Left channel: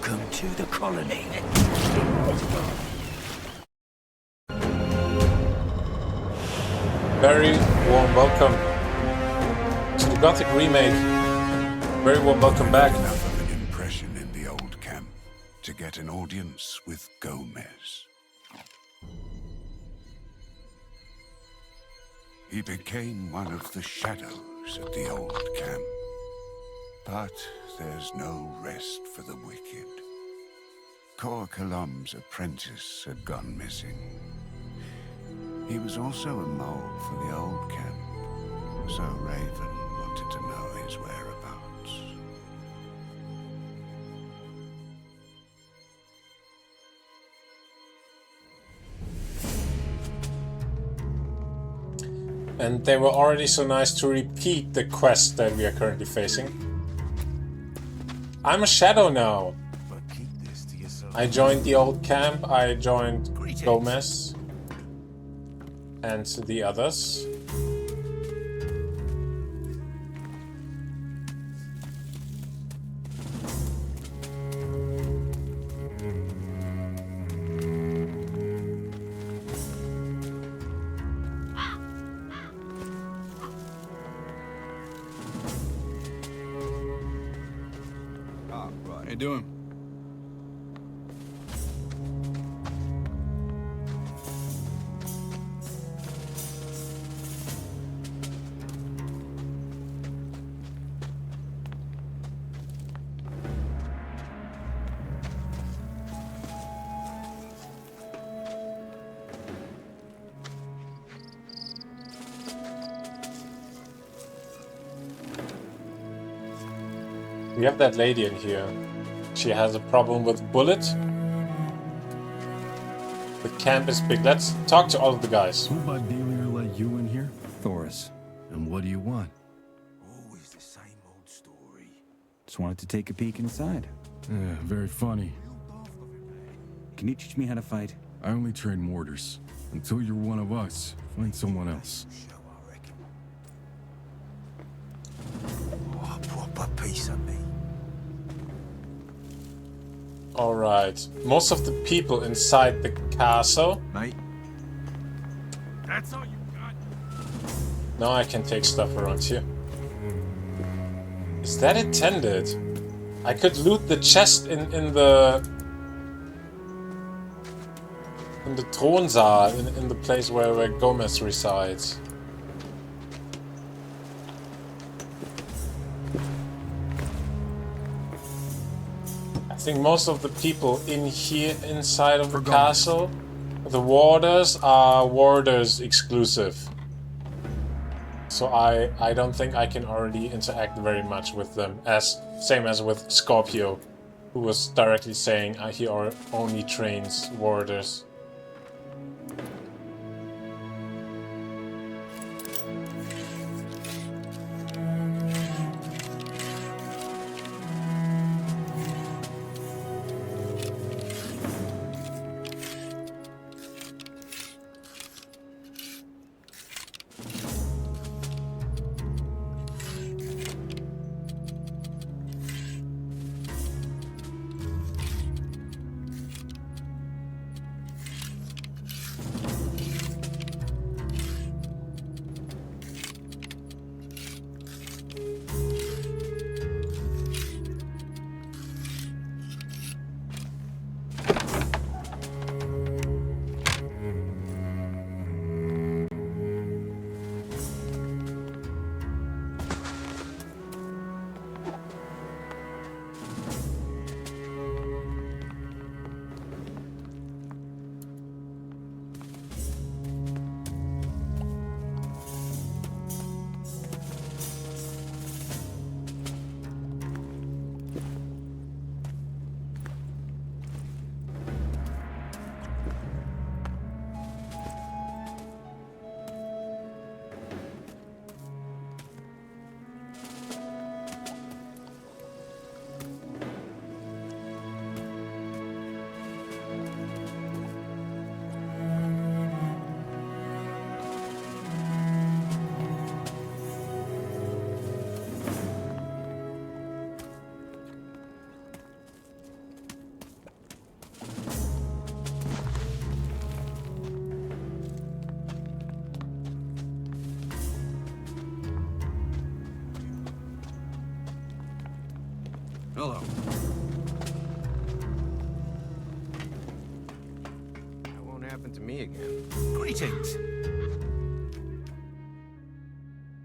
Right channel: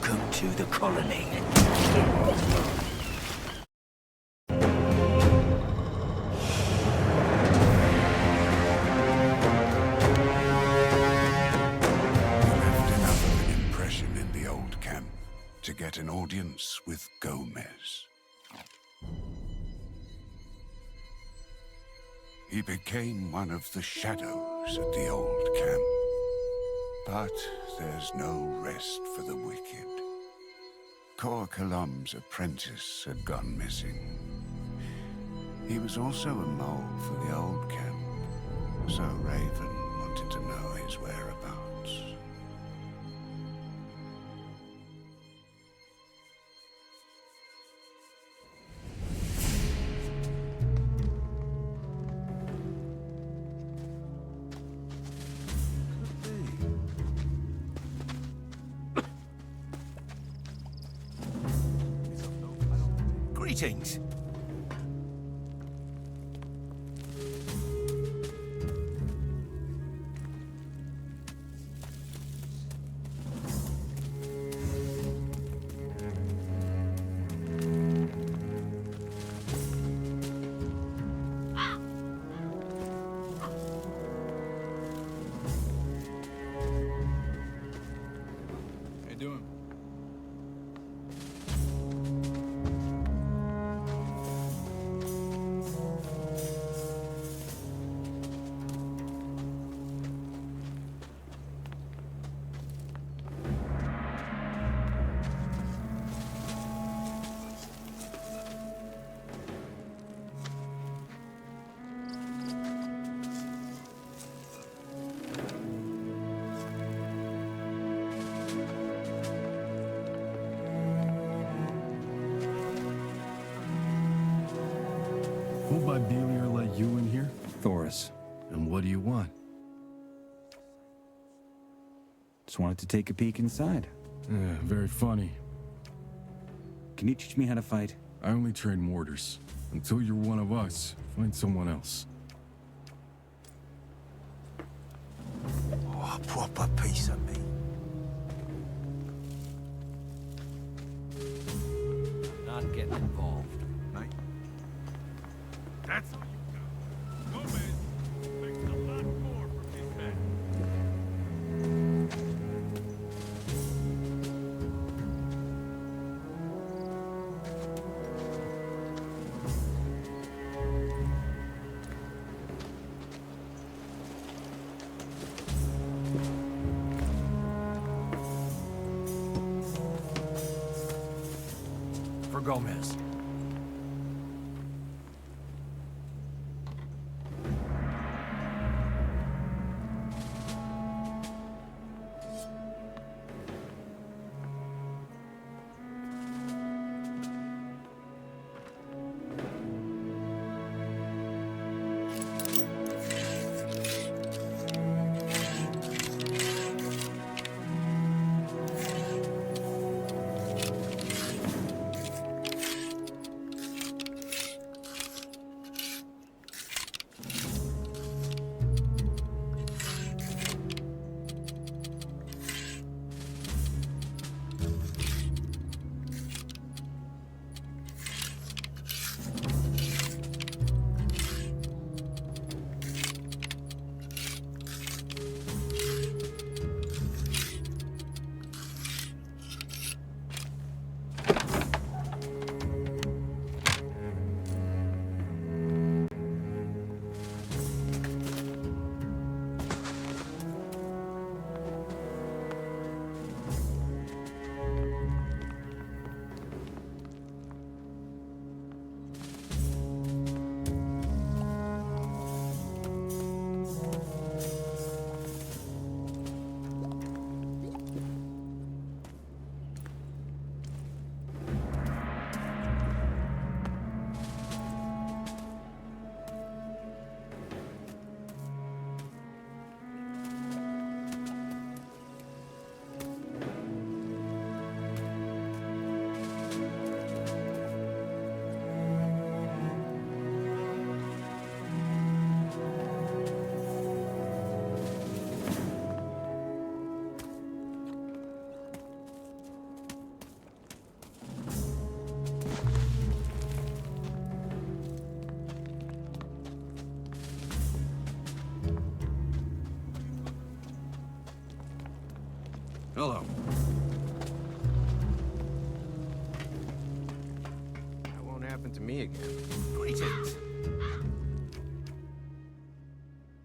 Welcome to the colony. Very warm welcome to Gothic Remake. Very warm welcome back. Enough of an impression in the old camp to get an audience with Gomez. He became one of the shadows at the old camp. But there's no rest for the wicked. 𝔸𝕟𝕟𝕒 apprentice had gone missing. He was also a mole for the old camp, so Raven wanted to know his whereabouts. And they were already so nice to repeat the quest that we are currently facing. I'm a shadow now. I joined the old camp, I joined Gomez and the others. How you doing? We have that lady in here. She has a problem with Bullet. The camp is big. Let's talk to all of the guys. Who by Dealer let you in here? Thoris. And what do you want? Always the same old story. Just wanted to take a peek inside. Yeah, very funny. Can you teach me how to fight? I only train mortars. Until you're one of us, find someone else. Oh, a proper piece of me. Alright. Most of the people inside the castle. Mate. That's all you got. Now I can take stuff around here. Is that intended? I could loot the chest in the 𝔸𝕟𝕟𝕒, in the place where Gomez resides. I think most of the people in here inside of the castle, the warders are warders exclusive. So I don't think I can already interact very much with them, same as with Scorpio, who was directly saying he only trains warders. Hello. That won't happen to me again. Greetings.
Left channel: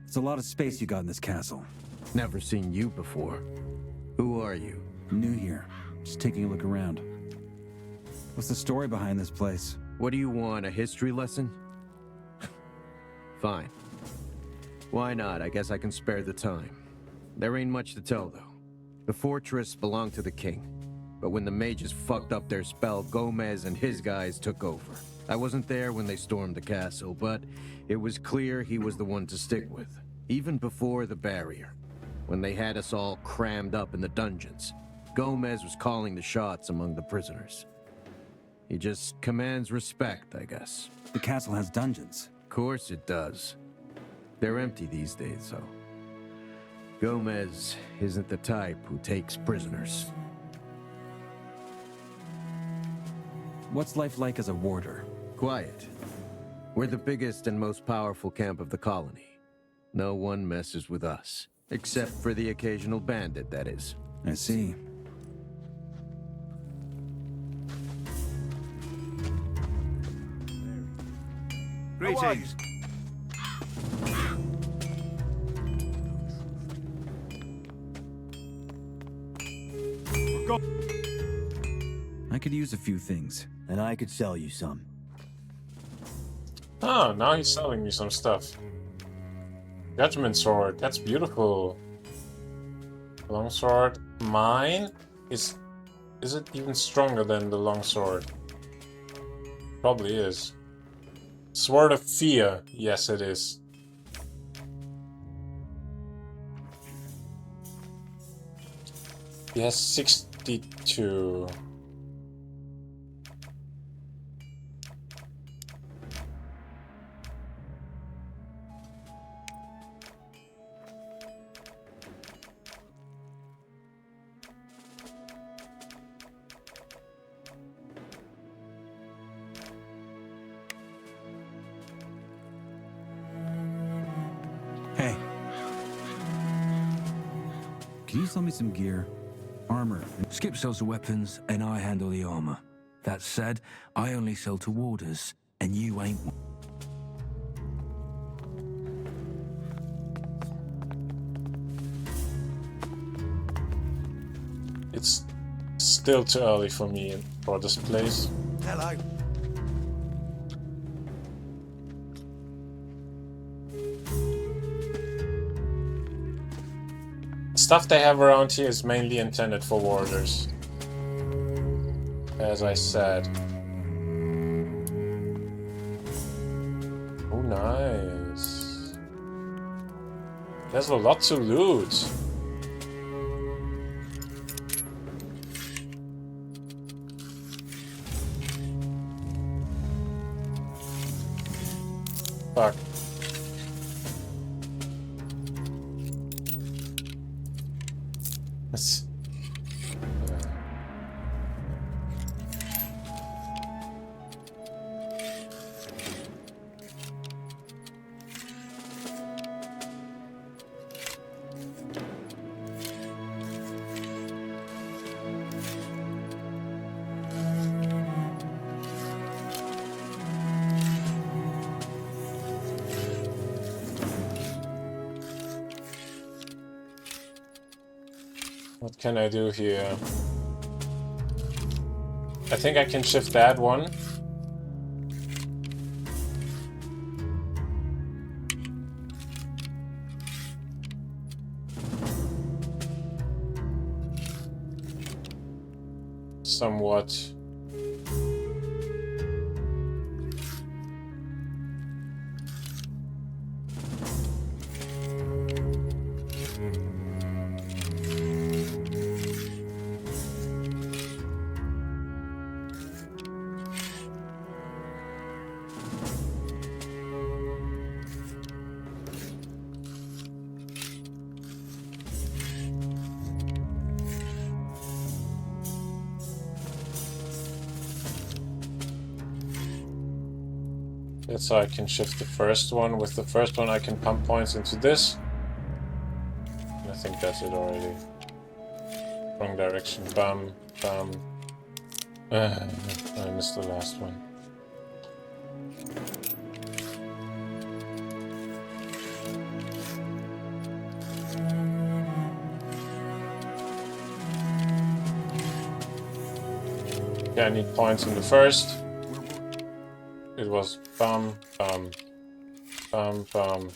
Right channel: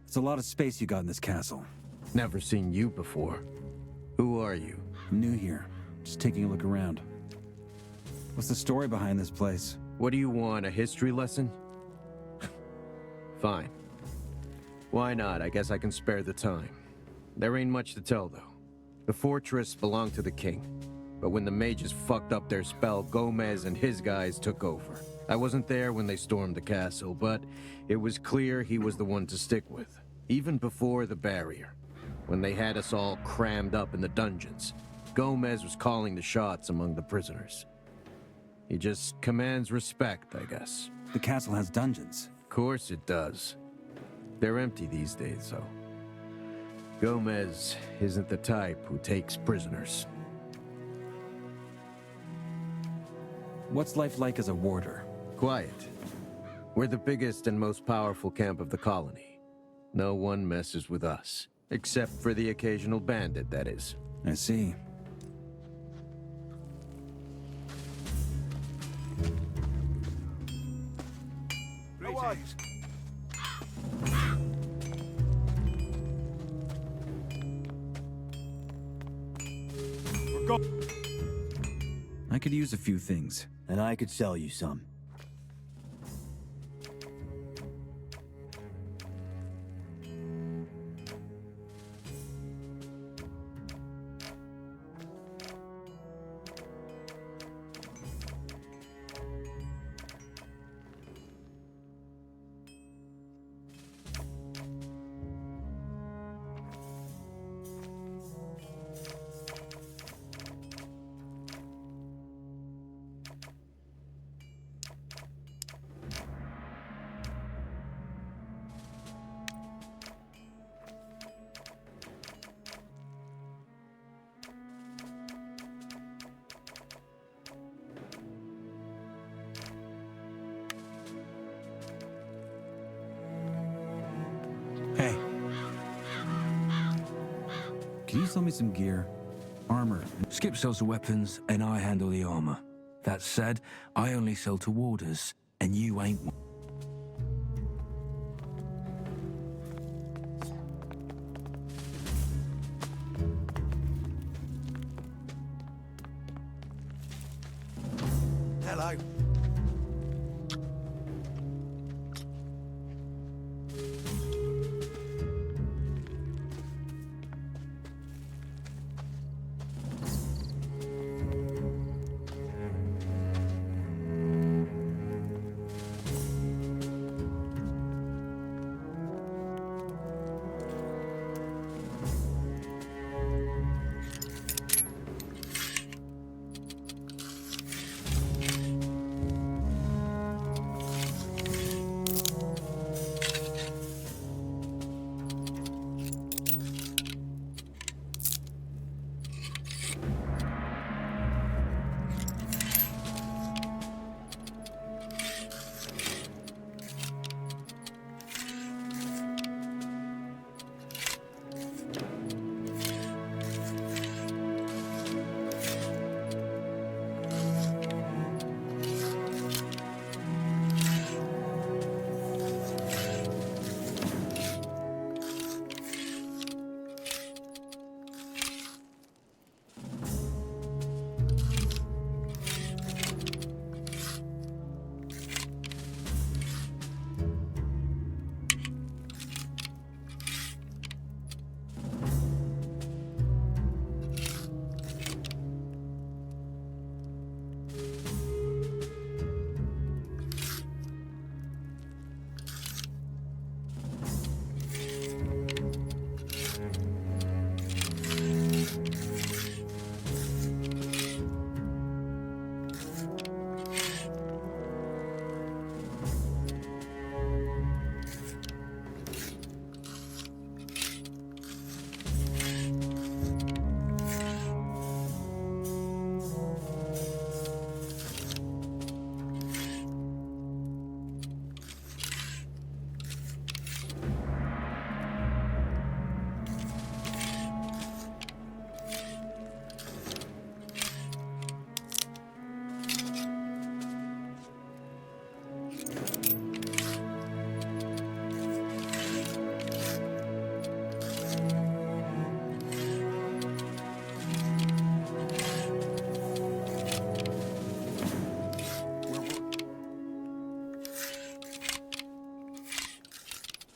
It's a lot of space you got in this castle. Never seen you before. Who are you? New here. Just taking a look around. What's the story behind this place? What do you want, a history lesson? Fine. Why not? I guess I can spare the time. There ain't much to tell, though. The fortress belonged to the king, but when the mages fucked up their spell, Gomez and his guys took over. I wasn't there when they stormed the castle, but it was clear he was the one to stick with, even before the barrier. When they had us all crammed up in the dungeons, Gomez was calling the shots among the prisoners. He just commands respect, I guess. The castle has dungeons. Of course it does. They're empty these days, though. Gomez isn't the type who takes prisoners. What's life like as a warder? Quiet. We're the biggest and most powerful camp of the colony. No one messes with us. Except for the occasional bandit, that is. I see. Greetings. I could use a few things. And I could sell you some. Oh, now he's selling me some stuff. Judgment sword, that's beautiful. Longsword, mine? Is it even stronger than the longsword? Probably is. Sword of Fear, yes it is. He has 62. Hey. Can you sell me some gear? Armor. Skip sells the weapons, and I handle the armor. That said, I only sell to warders, and you ain't one. It's still too early for me for this place. Hello. Stuff they have around here is mainly intended for warders. As I said. Oh, nice. There's a lot to loot. Fuck. Let's... What can I do here? I think I can shift that one. Somewhat. So I can shift the first one. With the first one I can pump points into this. I think that's it already. Wrong direction. Bam, bam. I missed the last one. Yeah, I need points in the first. It was bam, bam, bam, bam.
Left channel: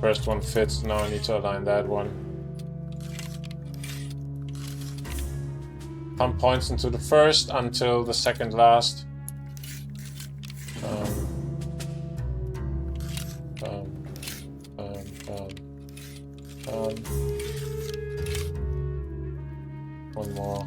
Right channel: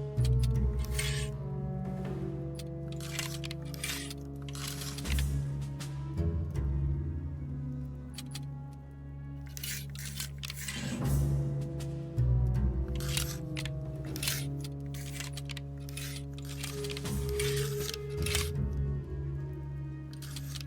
First one fits, now I need to align that one. Pump points into the first until the second last. One more.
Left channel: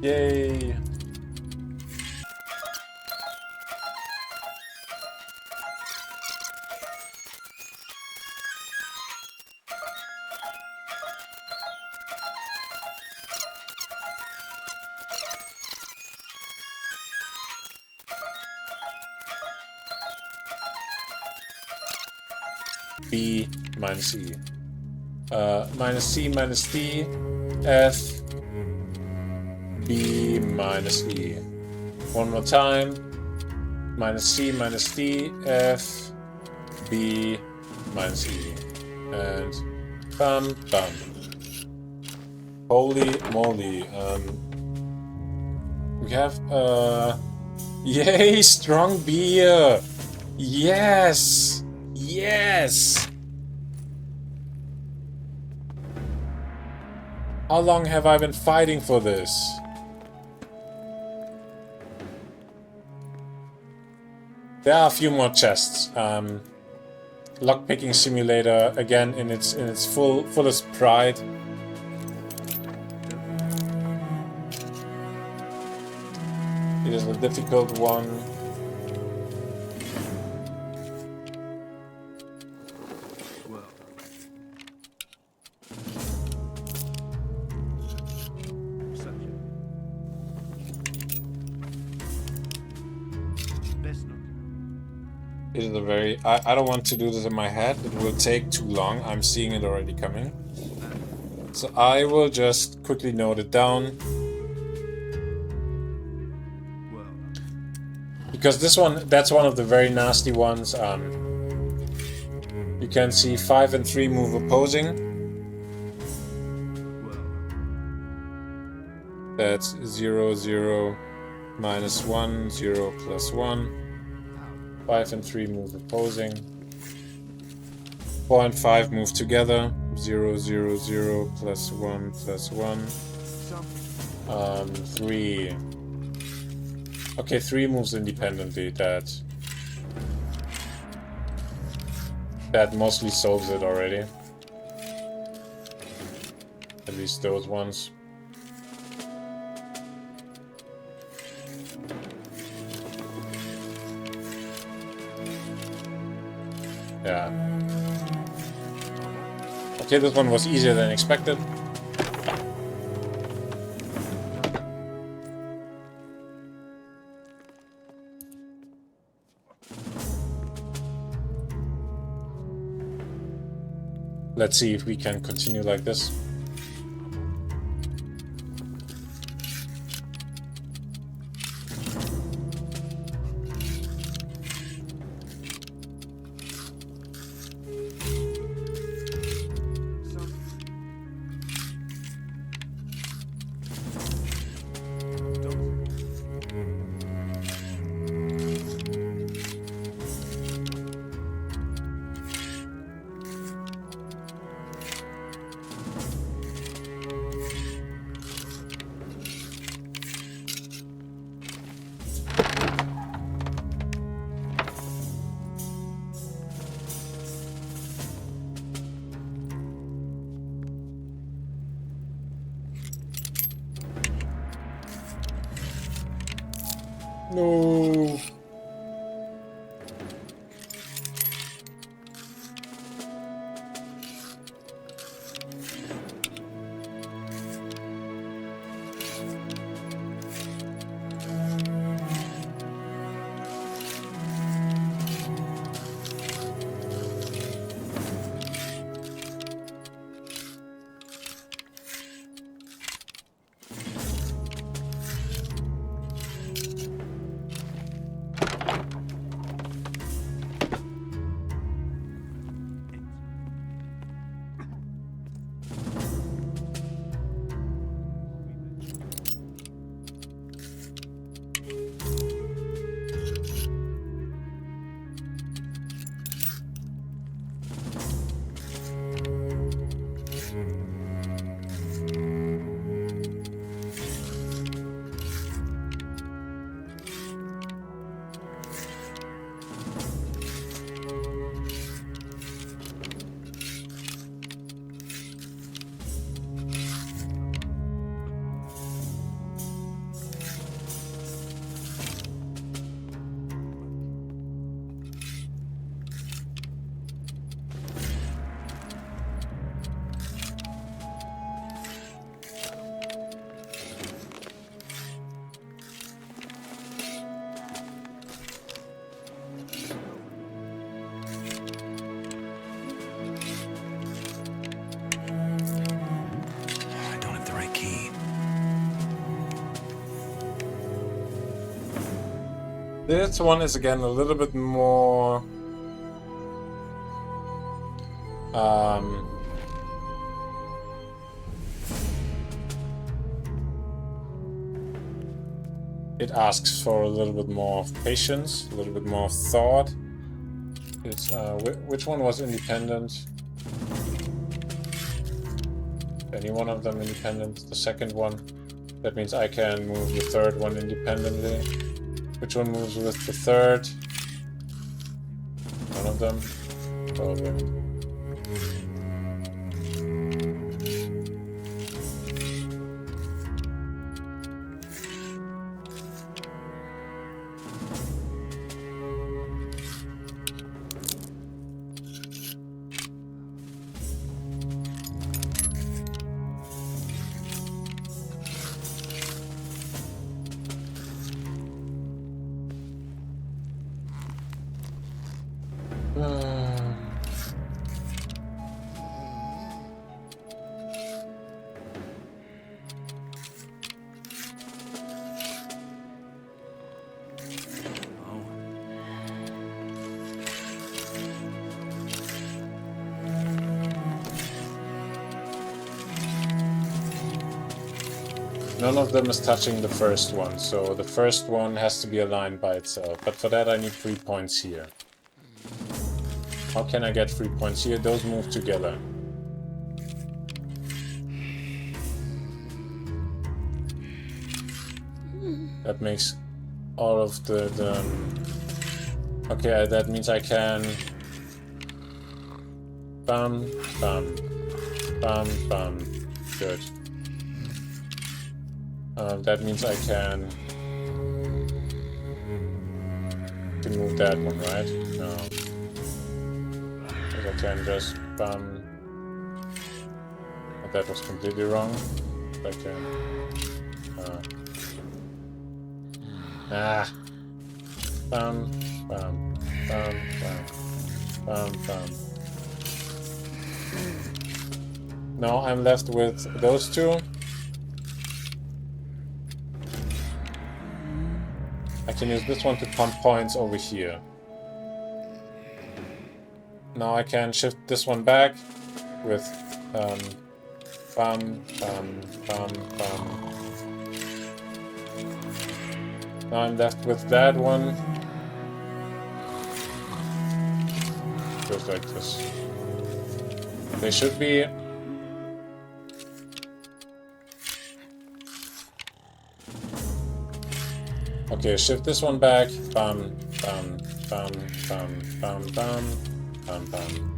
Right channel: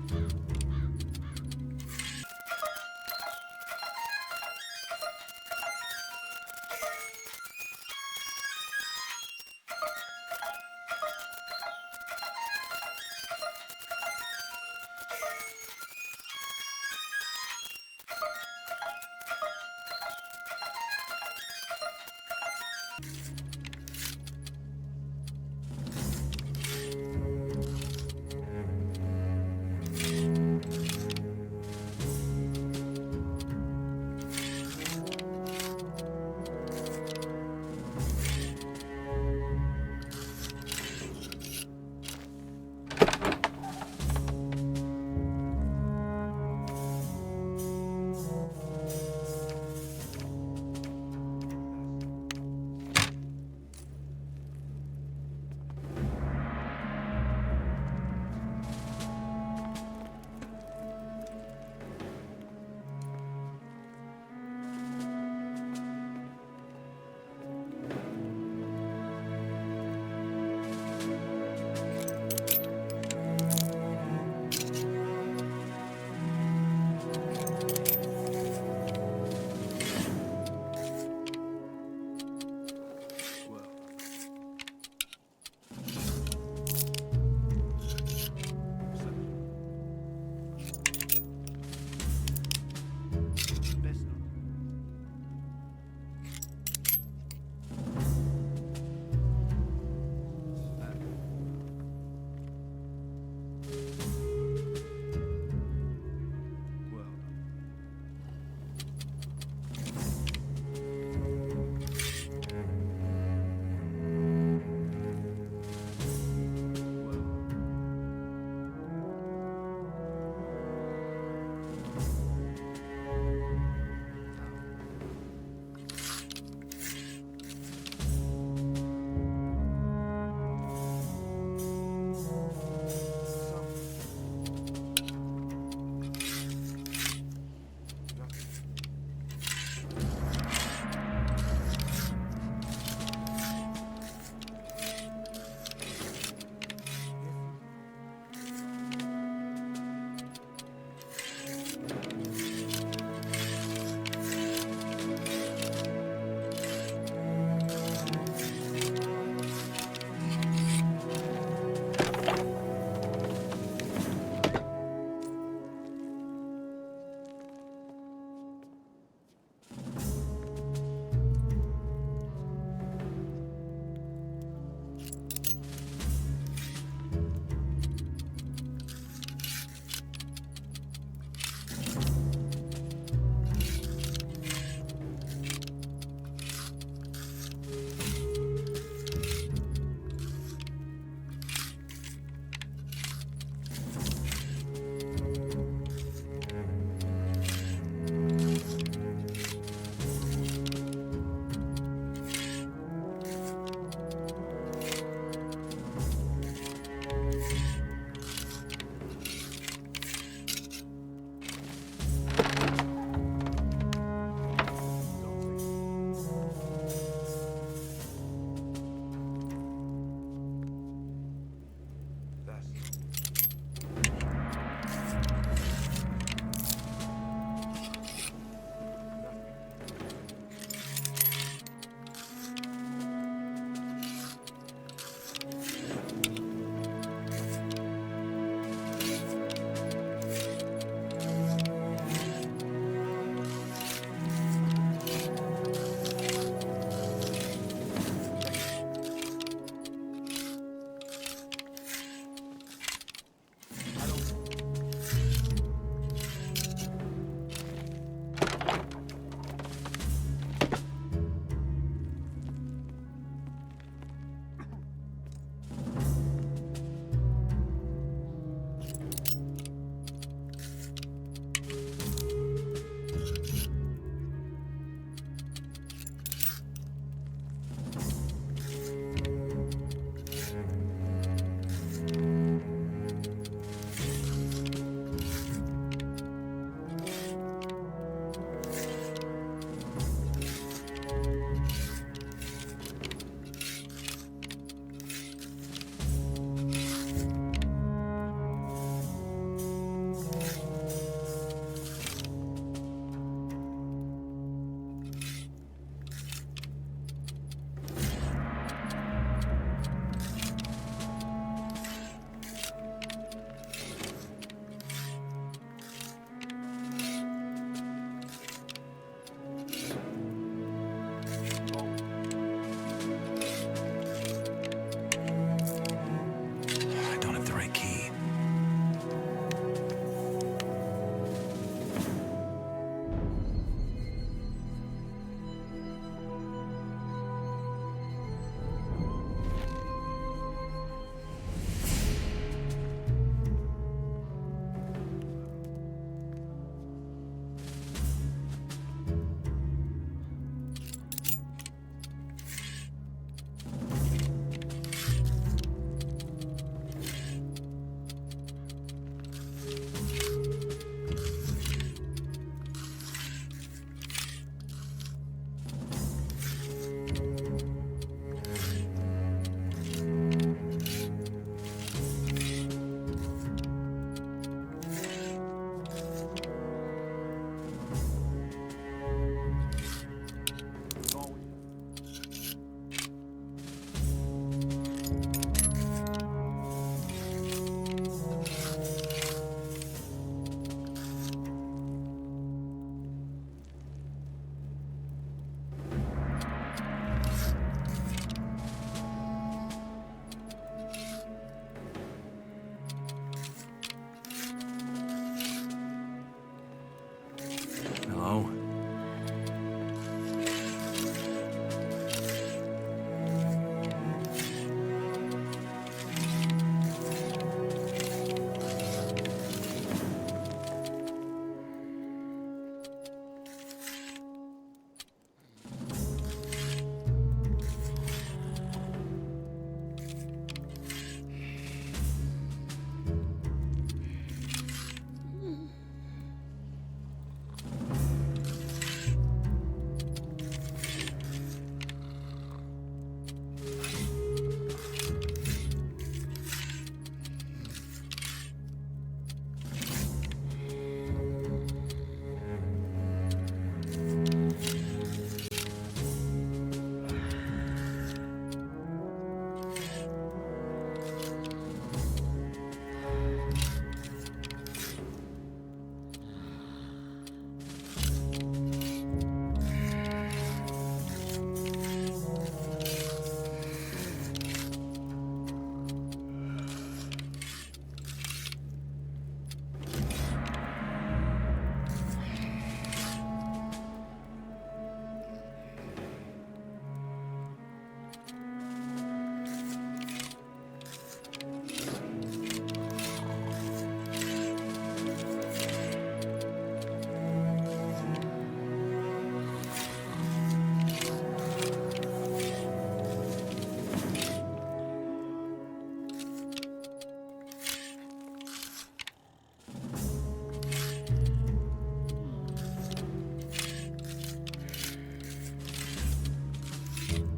Yay! B minus E. Minus C minus D, F, B minus E. One more time. Minus C minus D, F, B minus E. And bam, bam. Holy moly. We have, yay, strong beer. Yes. Yes. How long have I been fighting for this? There are a few more chests. Lockpicking simulator again in its fullest pride. It is a difficult one. It is a very... I don't want to do this in my head. It will take too long. I'm seeing it already coming. So I will just quickly note it down. Because this one, that's one of the very nasty ones. You can see 5 and 3 move opposing. That's 0, 0, minus 1, 0, plus 1. 5 and 3 move opposing. 4 and 5 move together. 0, 0, 0, plus 1, plus 1. 3. Okay, 3 moves independently. That mostly solves it already. At least those ones. Yeah. Okay, this one was easier than expected. Let's see if we can continue like this. No. I don't have the right key. This one is again a little bit more it asks for a little bit more of patience, a little bit more of thought. It's, which one was independent? Any one of them independent? The second one. That means I can move the third one independently. Which one moves with the third? One of them. Probably. Hello? None of them is touching the first one, so the first one has to be aligned by itself. But for that I need 3 points here. How can I get 3 points here? Those move together. That makes all of the okay, that means I can bam bam bam bam. Good. That means I can move that one, right? No. I can just bam. That was completely wrong. Okay. Bam, bam, bam, bam, bam, bam. Now I'm left with those two. I can use this one to pump points over here. Now I can shift this one back with bam, bam, bam, bam. Now I'm left with that one. Goes like this. They should be. Okay, shift this one back. Bam, bam, bam, bam, bam, bam, bam, bam.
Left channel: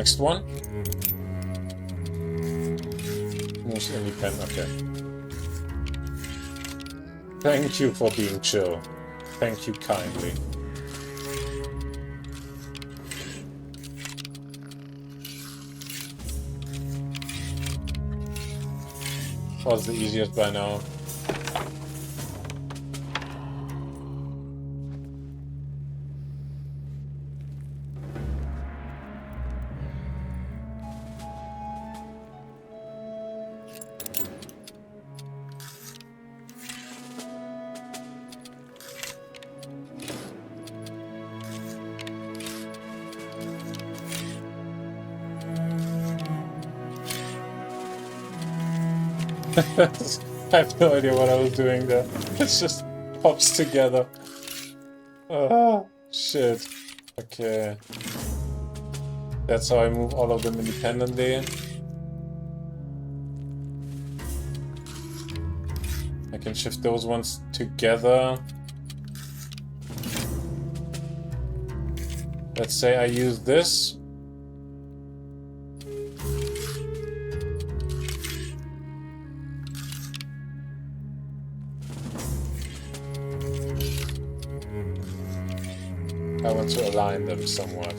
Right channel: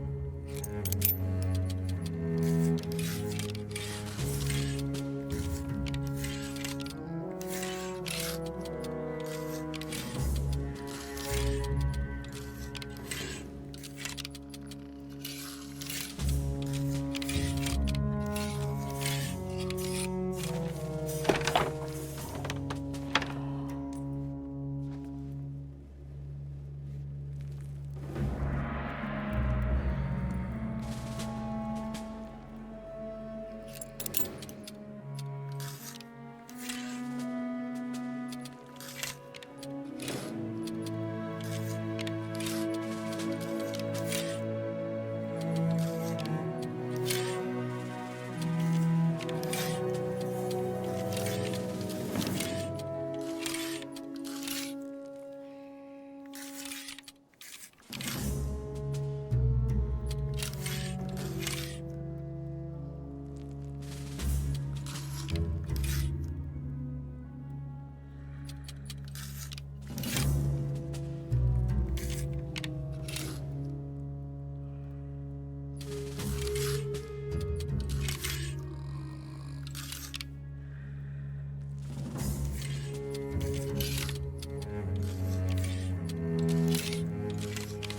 next one. Most independent, okay. Thank you for being chill. Thank you kindly. Was the easiest by now. I have no idea what I was doing there. It just pops together. Ah, shit. Okay. That's how I move all of them independently. I can shift those ones together. Let's say I use this. I want to align them somewhat.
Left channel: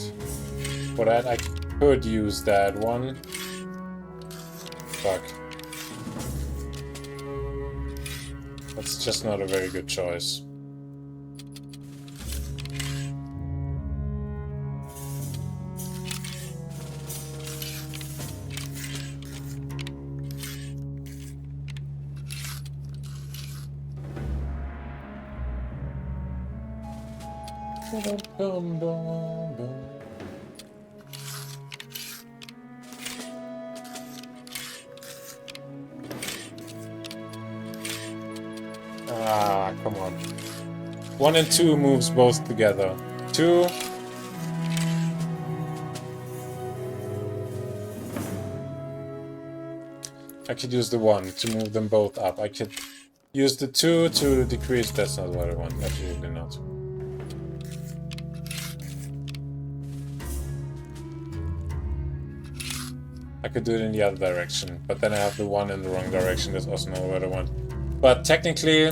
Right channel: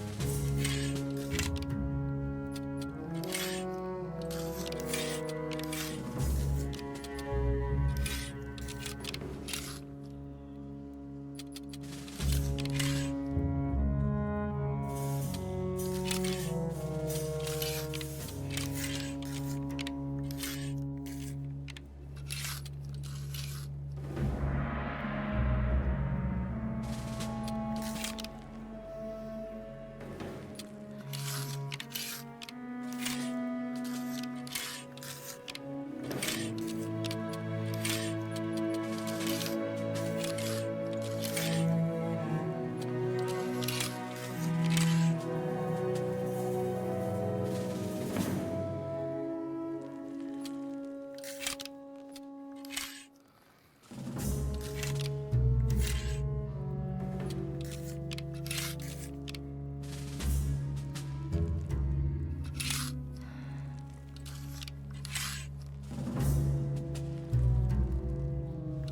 For that, I could use that one. Fuck. That's just not a very good choice. Ah, come on. 1 and 2 moves both together. 2. I could use the 1 to move them both up. I could use the 2 to decrease. That's not what I want. Absolutely not. I could do it in the other direction, but then I have the 1 in the wrong direction. That's also not what I want. But technically,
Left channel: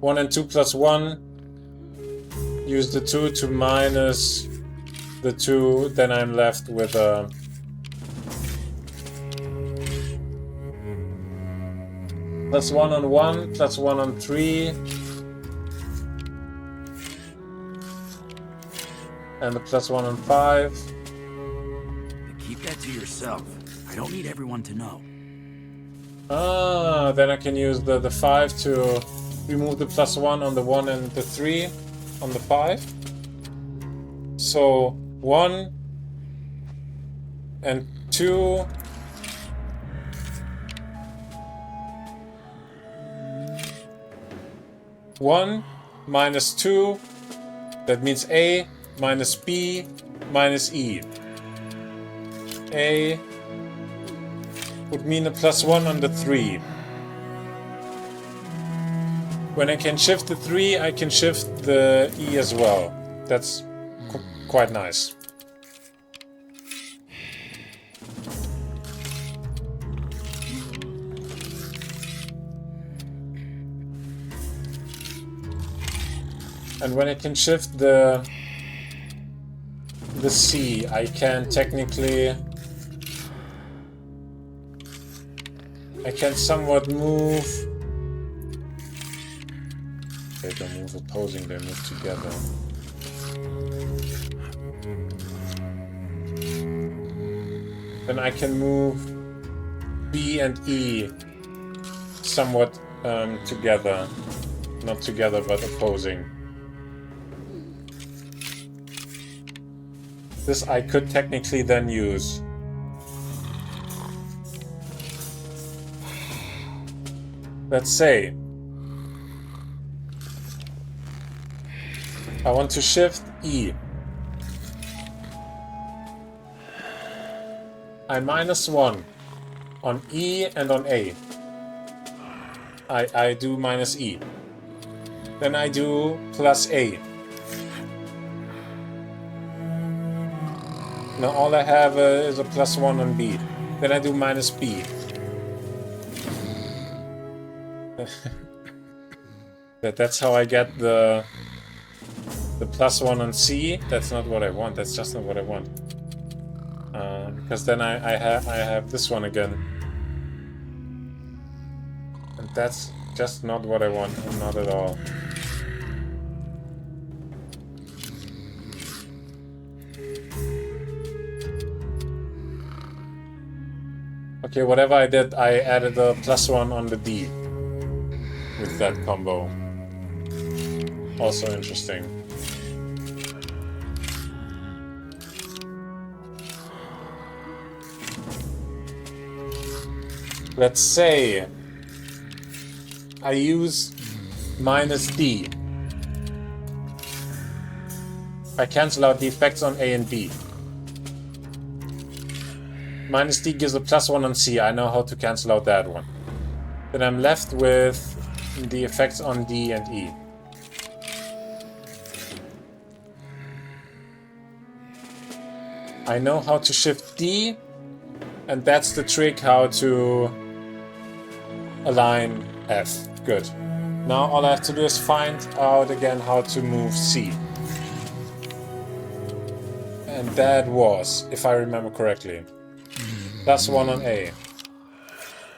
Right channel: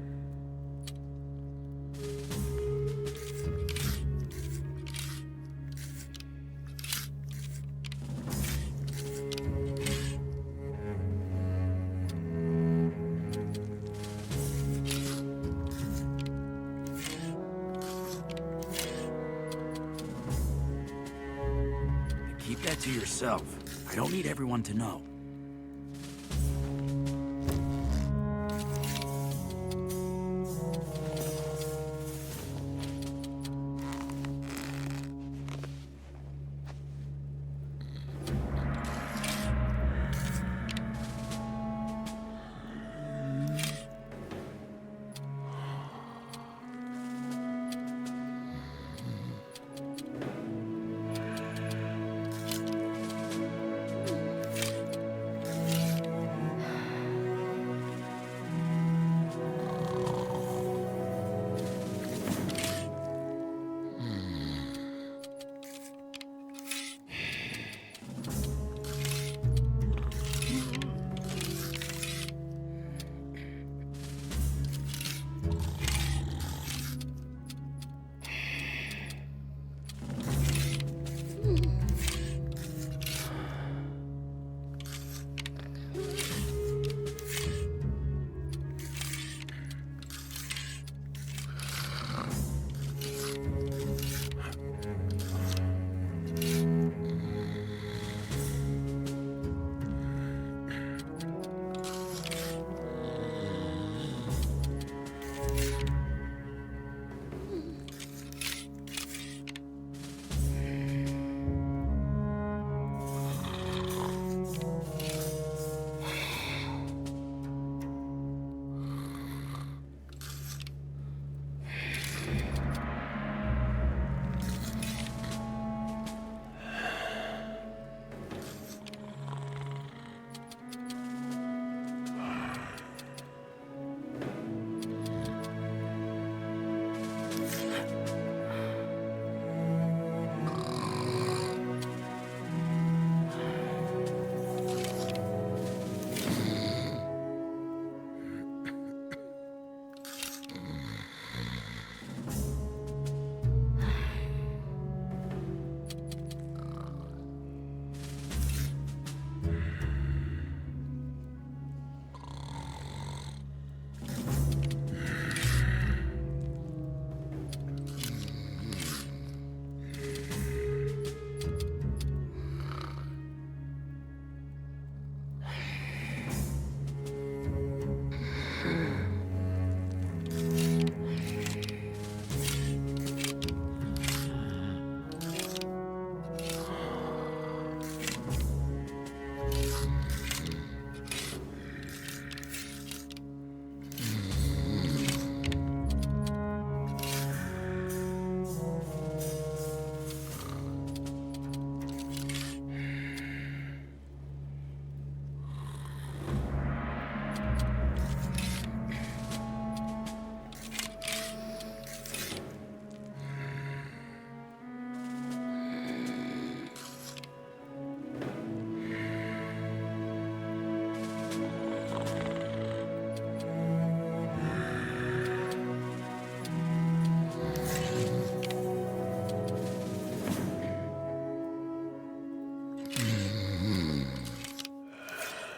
1 and 2 plus 1, use the 2 to minus the 2, then I'm left with a... plus 1 on 1, plus 1 on 3. And the plus 1 on 5. Keep that to yourself. I don't need everyone to know. Ah, then I can use the 5 to remove the plus 1 on the 1 and the 3 on the 5. So 1 and 2. One minus 2. That means A minus B minus E. A would mean a plus 1 on the 3. When I can shift the 3, I can shift the E as well. That's quite nice. And when I can shift the C, I can technically... I can somewhat move... Okay, they move opposing, they move together. Then I can move B and E somewhat together. Not together, but opposing. This I could technically then use. Let's say I want to shift E. I minus 1 on E and on A. I do minus E. Then I do plus A. Now all I have is a +1 on B. Then I do minus B. That's how I get the +1 on C. That's not what I want. That's just not what I want. Because then I have this one again. And that's just not what I want. Not at all. Okay, whatever I did, I added a +1 on the D with that combo. Also interesting. Let's say I use minus D. I cancel out the effects on A and B. Minus D gives a +1 on C. I know how to cancel out that one. Then I'm left with the effects on D and E. I know how to shift D, and that's the trick how to align F. Good. Now all I have to do is find out again how to move C. And that was, if I remember correctly, +1 on A.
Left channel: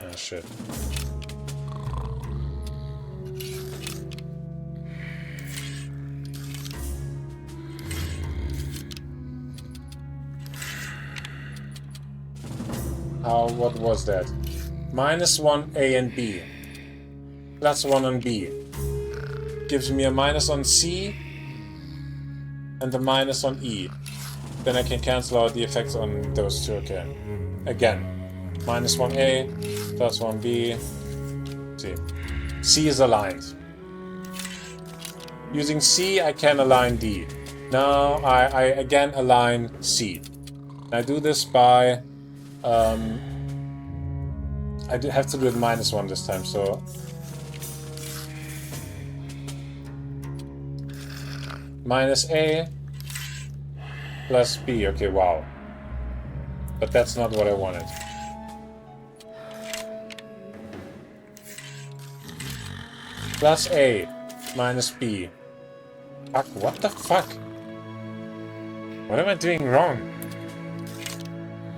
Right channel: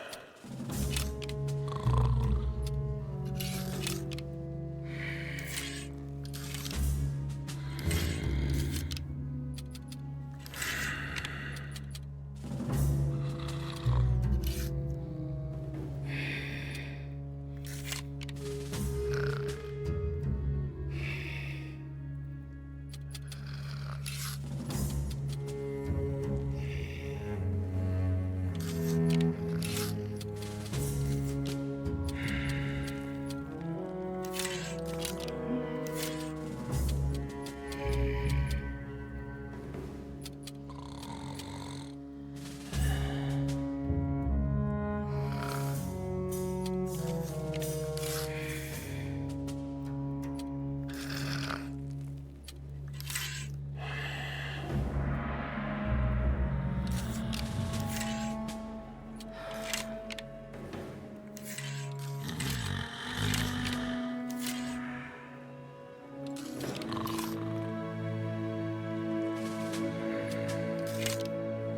Oh shit. What was that? -1 A and B. +1 on B. Gives me a minus on C and a minus on E. Then I can cancel out the effects on those two. Okay. Again. -1 A, +1 B. C. C is aligned. Using C, I can align D. Now I again align C. I do this by I do have to do it -1 this time, so -A plus B. Okay, wow. But that's not what I wanted. +A minus B. Fuck, what the fuck? What am I doing wrong?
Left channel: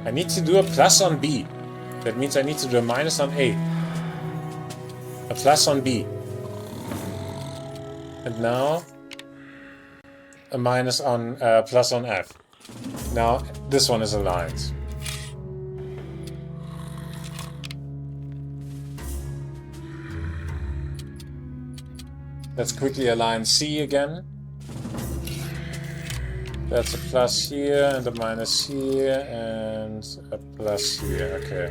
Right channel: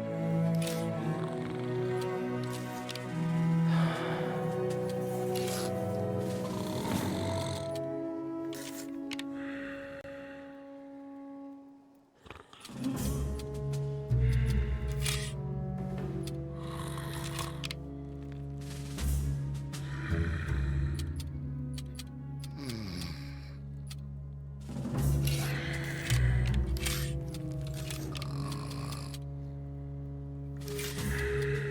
I need to do a plus on B. That means I need to do a minus on A. A plus on B. And now a minus on plus on F. Now this one is aligned. Let's quickly align C again. That's a plus here and a minus here and a plus here. Okay.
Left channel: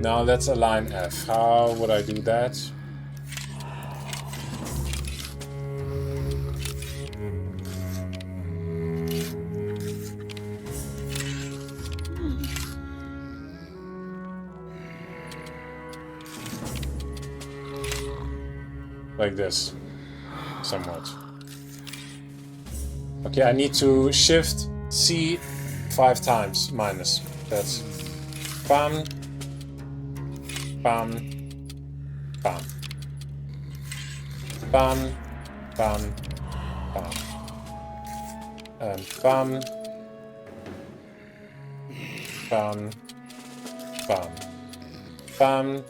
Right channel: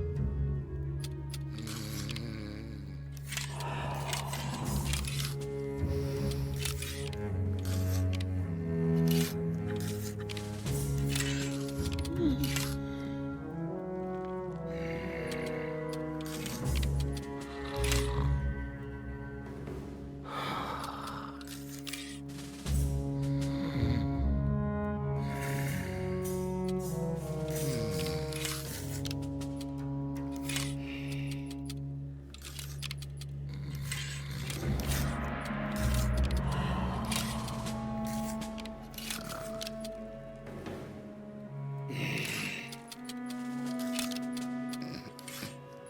Now let's align F. How would I do that? Like this. Somewhat. Okay, I need to shift C 5 times minus. That's bam, bam, bam, bam, bam, bam, and bam, bam, bam, bam,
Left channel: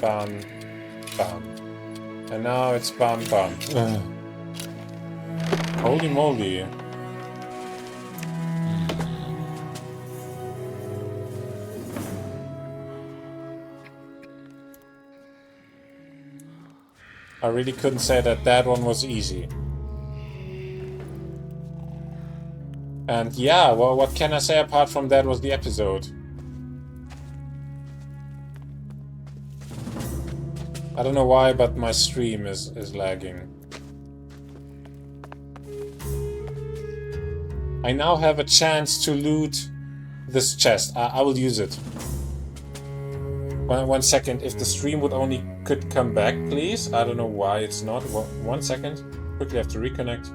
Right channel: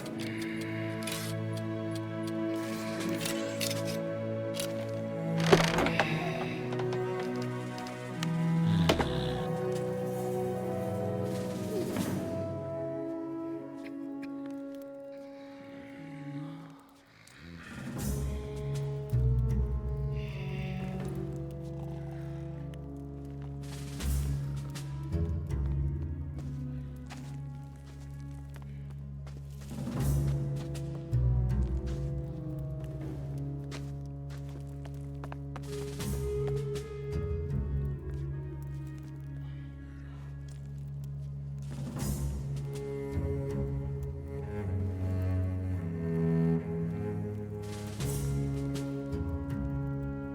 bam, bam. And now it's bam, bam. Holy moly. I really couldn't say that that one was easy. And yeah, well, what can I say apart from that was the episode? I don't know why, but my stream is lagging. I now have a chance to loot this chest. I will use it. One second. If the stream would only could come back, please. I don't know why it's not. 1 second. Quickly have to reconnect.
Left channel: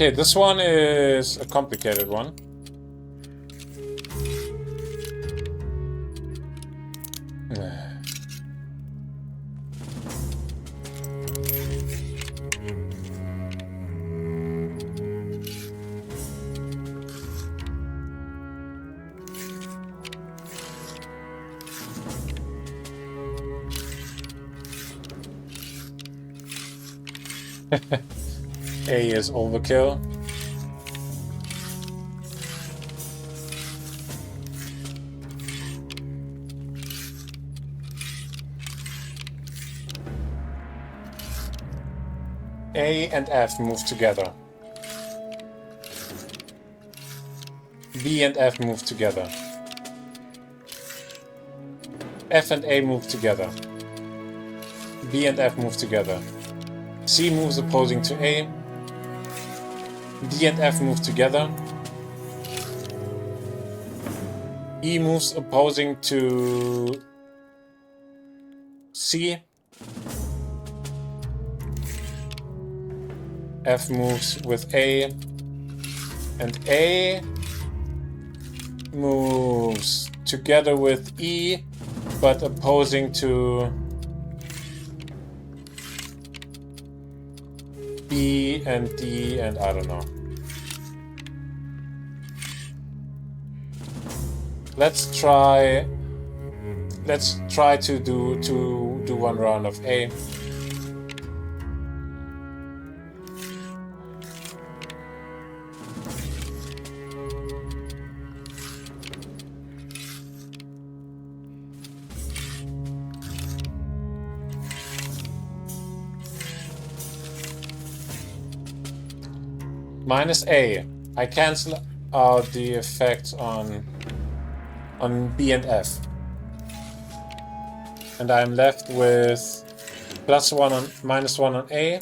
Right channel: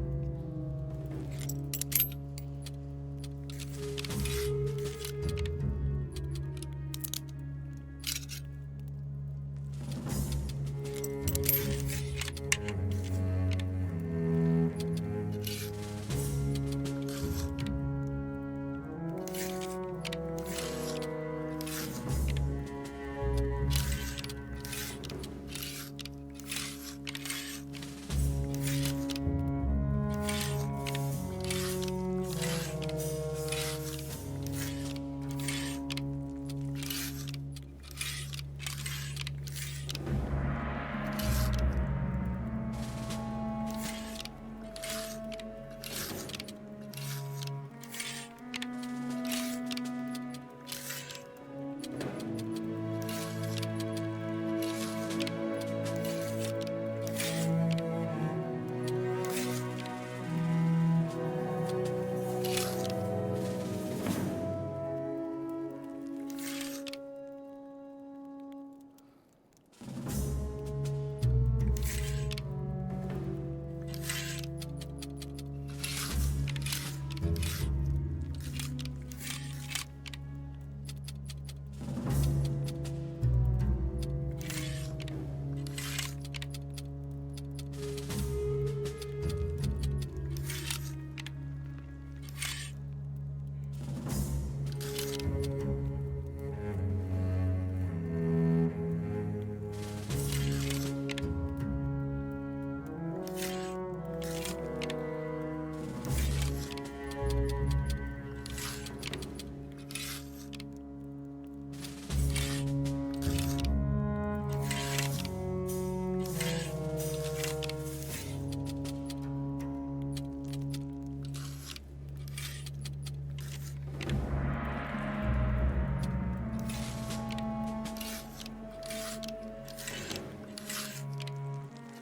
Okay, this one is a complicated one. A is overkill. A and F move together. B and F move together. F and A move together. B and F move together. C moves opposing to A. D and F move together. E moves opposing to C. F moves with A. And A moves together with E, but opposing to B and D, and I don't know. Let's try to do one round of A. Minus A. I cancel out the effect on B and F. And I'm left with +1 on -1 on A.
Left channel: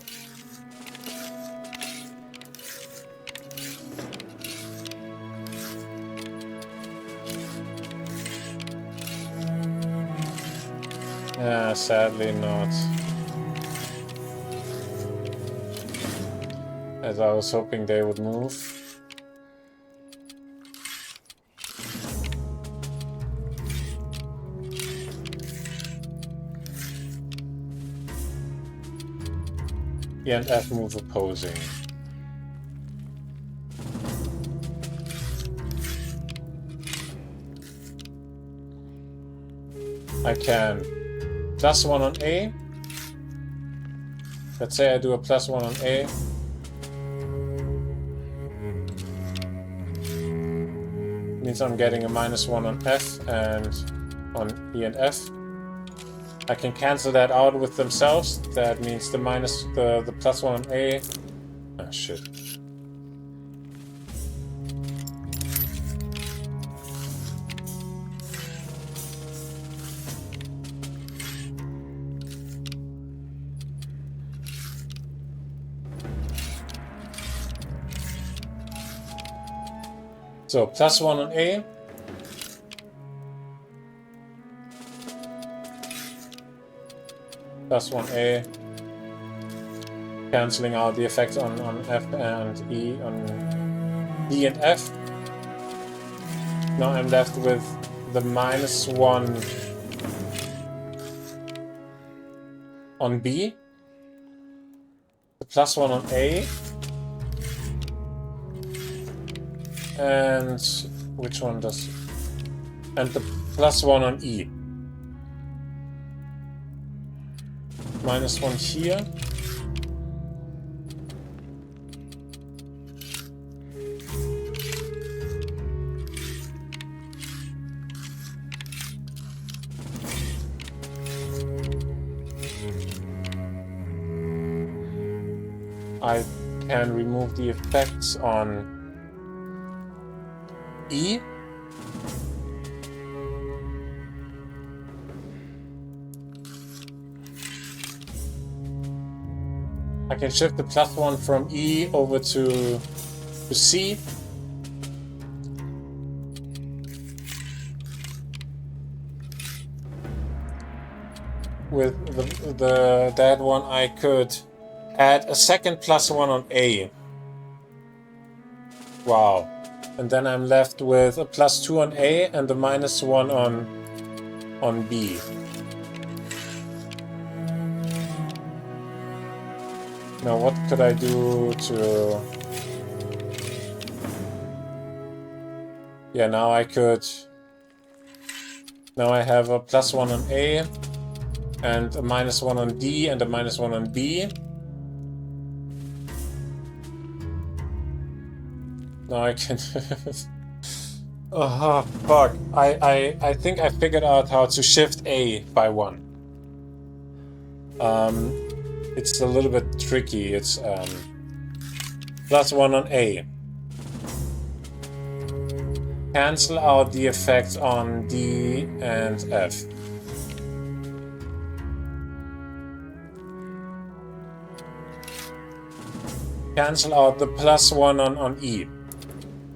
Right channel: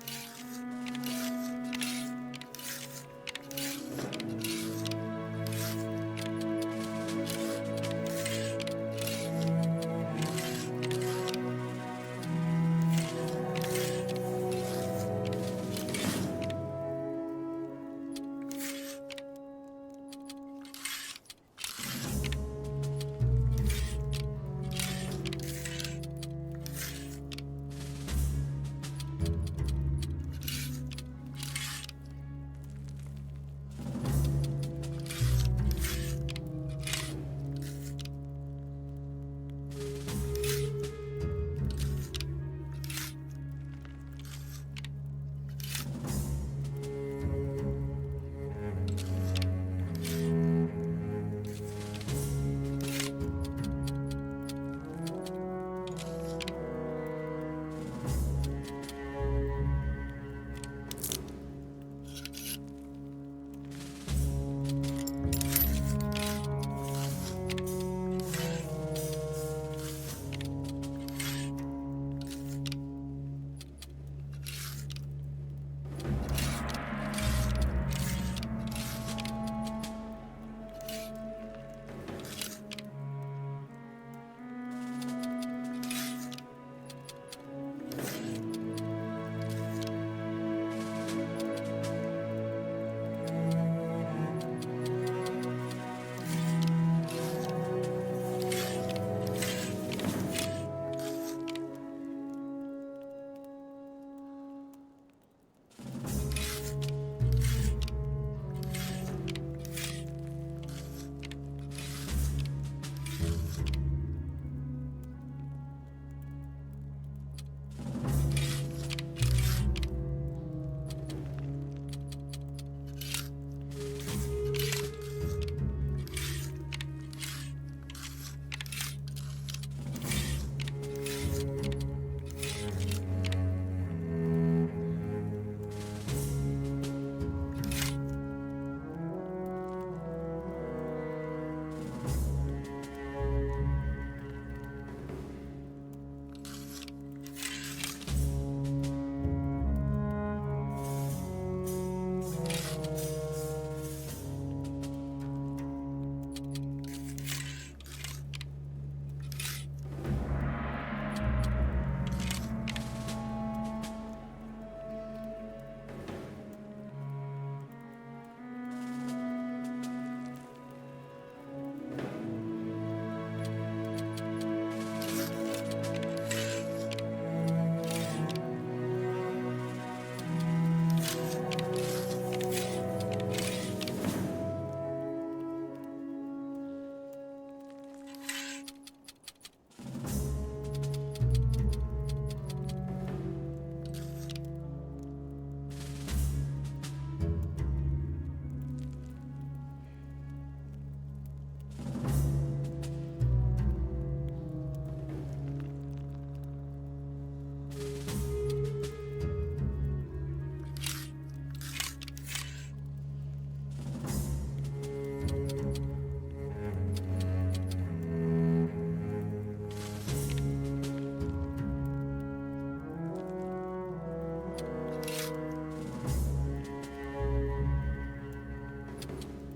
Yeah, sadly not. As I was hoping they would move. E and F move opposing. I can +1 on A. Let's say I do a +1 on A. Means I'm getting a -1 on F and on E and F. I can cancel that out with themselves. That means the +1 on A. Ah, shit. So +1 on A. +1 A. Cancelling out the effects on F and E, on D and F. Now I'm left with the -1 on B. The +1 on A. And which one does? And the +1 on E. -1 here. I can remove the effects on E. I can shift the +1 from E over to C. With that one I could add a second +1 on A. Wow. And then I'm left with a +2 on A and a -1 on B. Now what could I do to... Yeah, now I could... Now I have a +1 on A and a -1 on D and a -1 on B. Now I can... Oh, fuck. I think I figured out how to shift A by 1. It's a little bit tricky. It's +1 on A. Cancel out the effects on D and F. Cancel out the +1 on E.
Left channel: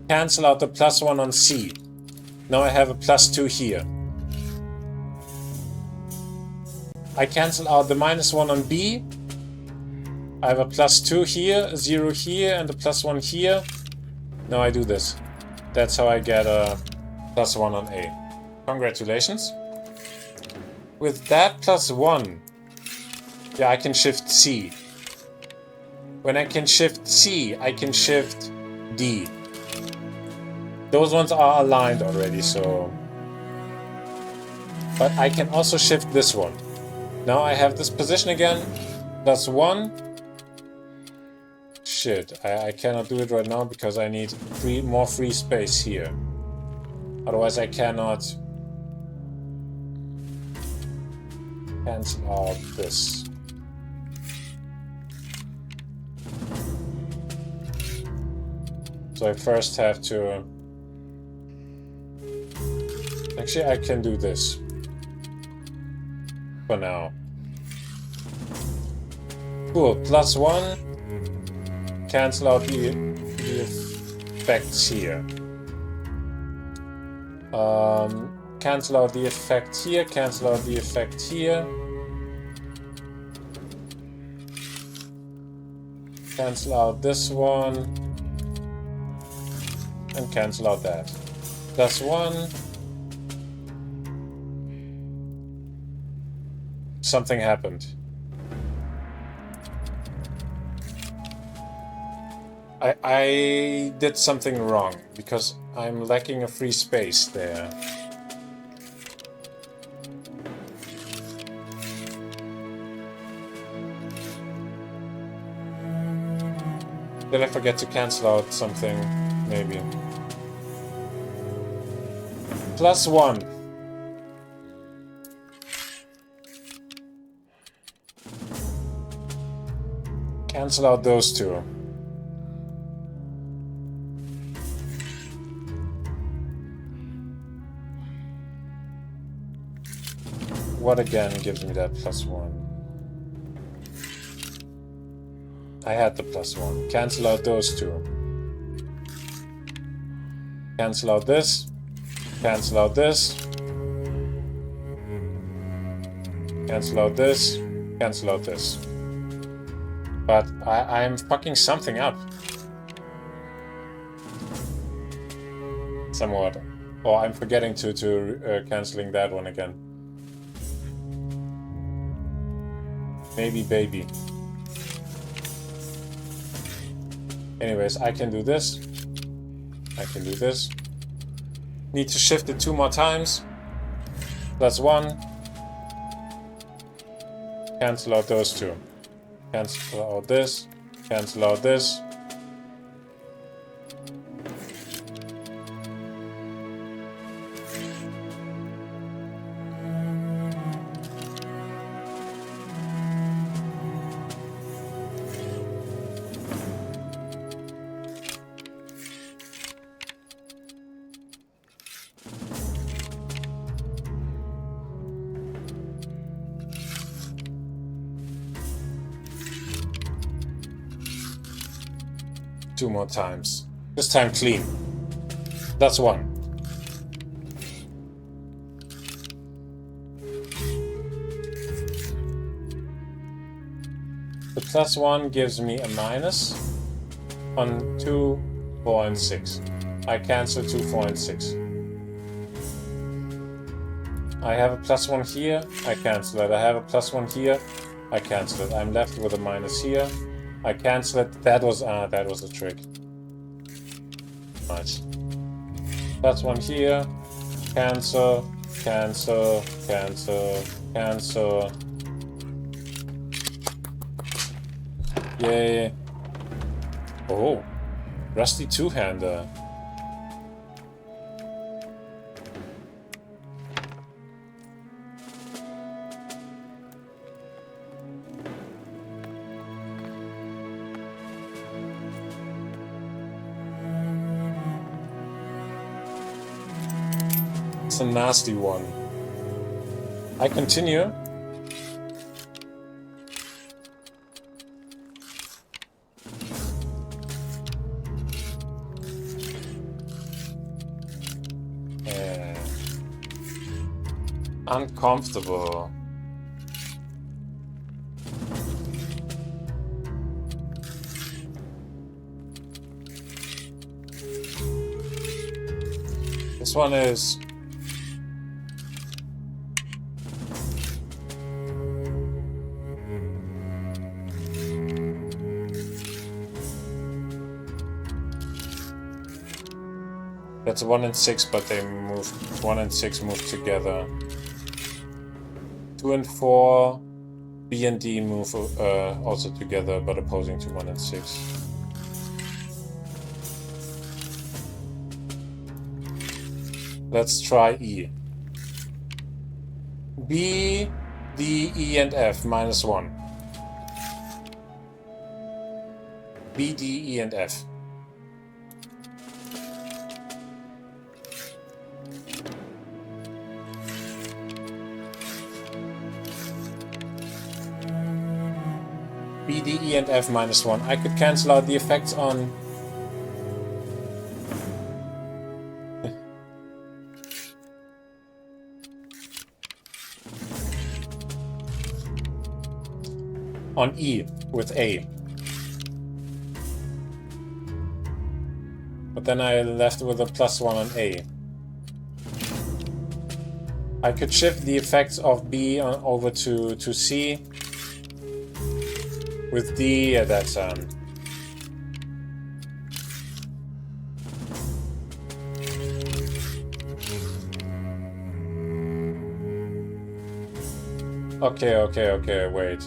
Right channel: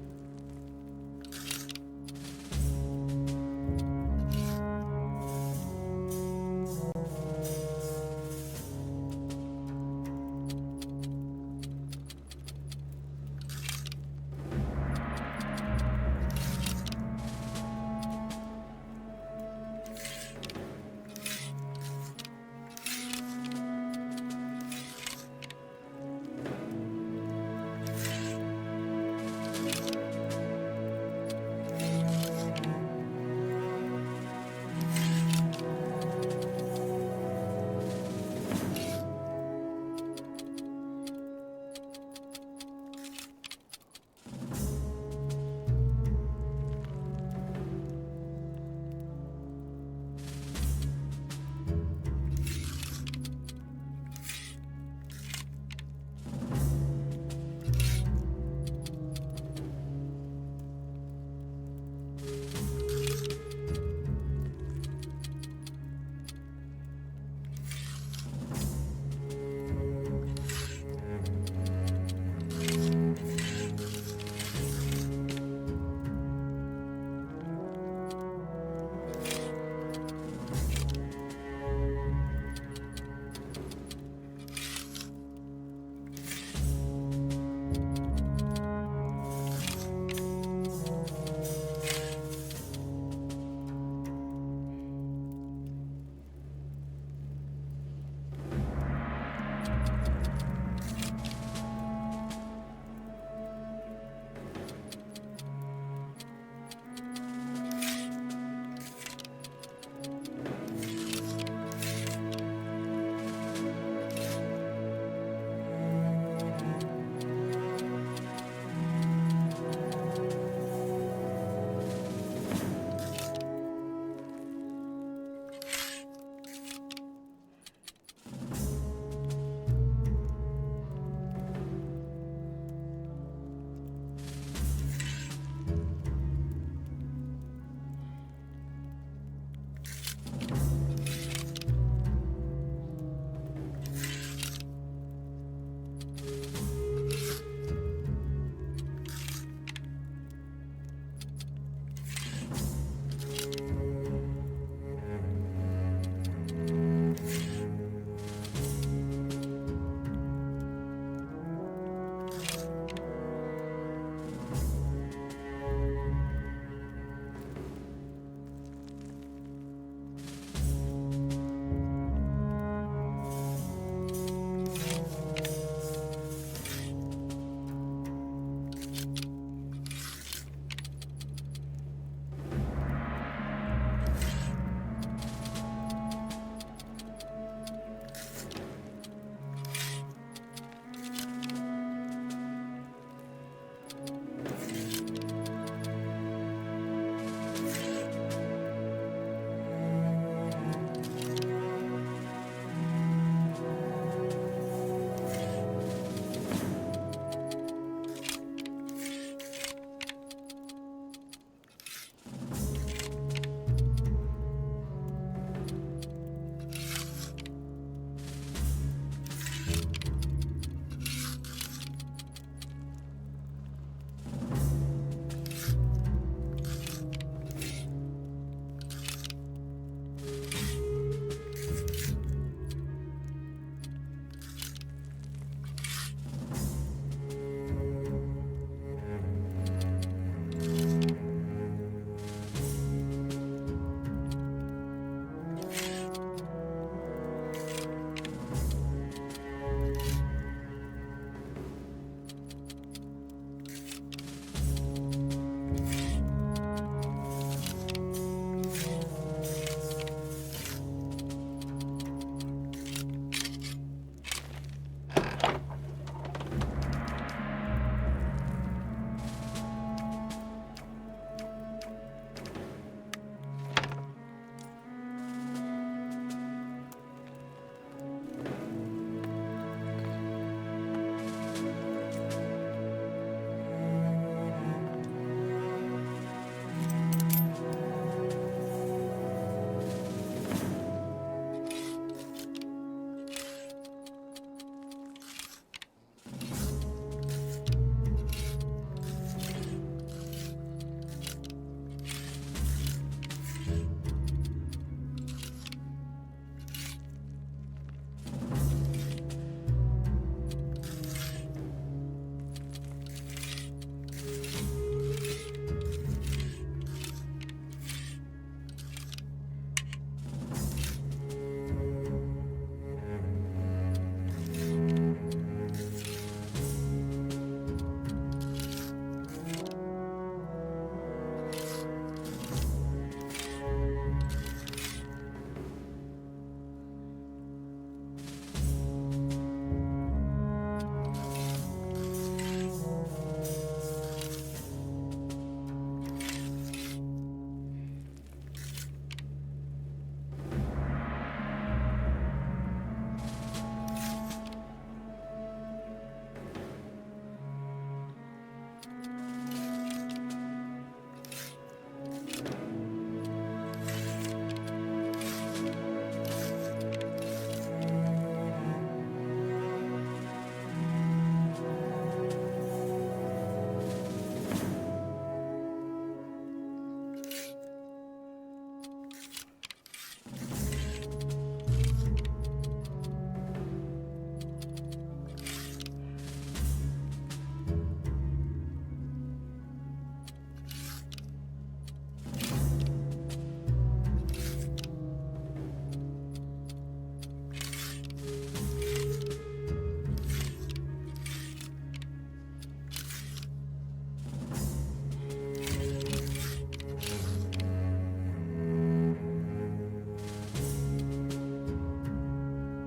Cancel out the +1 on C. Now I have a +2 here. I cancel out the -1 on B. I have a +2 here, a 0 here, and a +1 here. Now I do this. That's how I get a +1 on A. Congratulations. With that +1, yeah, I can shift C. When I can shift C, I can shift D. Those ones are aligned already, so... But I can also shift this one. Now I have this position again. +1. Shit, I cannot do it right now because I need more free space here. Otherwise I cannot cancel out this. So I first have to... Actually, I can do this for now. Cool, +1. Cancel out the effects here. Cancel out the effect here, cancel out the effect here. Cancel out this one. And cancel out that. +1. Something happened. I did something wrong because I'm lacking a free space there. Did I forget to cancel out something? Maybe. +1. Cancel out those two. What again gives me that +1? I had the +1. Cancel out those two. Cancel out this. Cancel out this. Cancel out this. Cancel out this. But I'm fucking something up. Somewhat. Or I'm forgetting to canceling that one again. Maybe baby. Anyways, I can do this. I can do this. Need to shift it 2 more times. +1. Cancel out those two. Cancel out this. Cancel out this. Two more times. This time clean. That's 1. The +1 gives me a minus on 2 4 and 6. I cancel 2, 4 and 6. I have a +1 here, I cancel it. I have a +1 here, I cancel it. I'm left with a minus here. I cancel it. That was a trick. Nice. +1 here, cancel, cancel, cancel, cancel. Yay. Oh, rusty two-hander. A nasty one. I continue. Uncomfortable. This one is that's 1 and 6, but they move 1 and 6 move together. 2 and 4, B and D move also together, but opposing to 1 and 6. Let's try E. B, D, E, and F -1. B, D, E, and F. B, D, E, and F -1. I could cancel out the effects on E with A. But then I left with a +1 on A. I could shift the effects of B over to C. With D, yeah, that's okay, wait,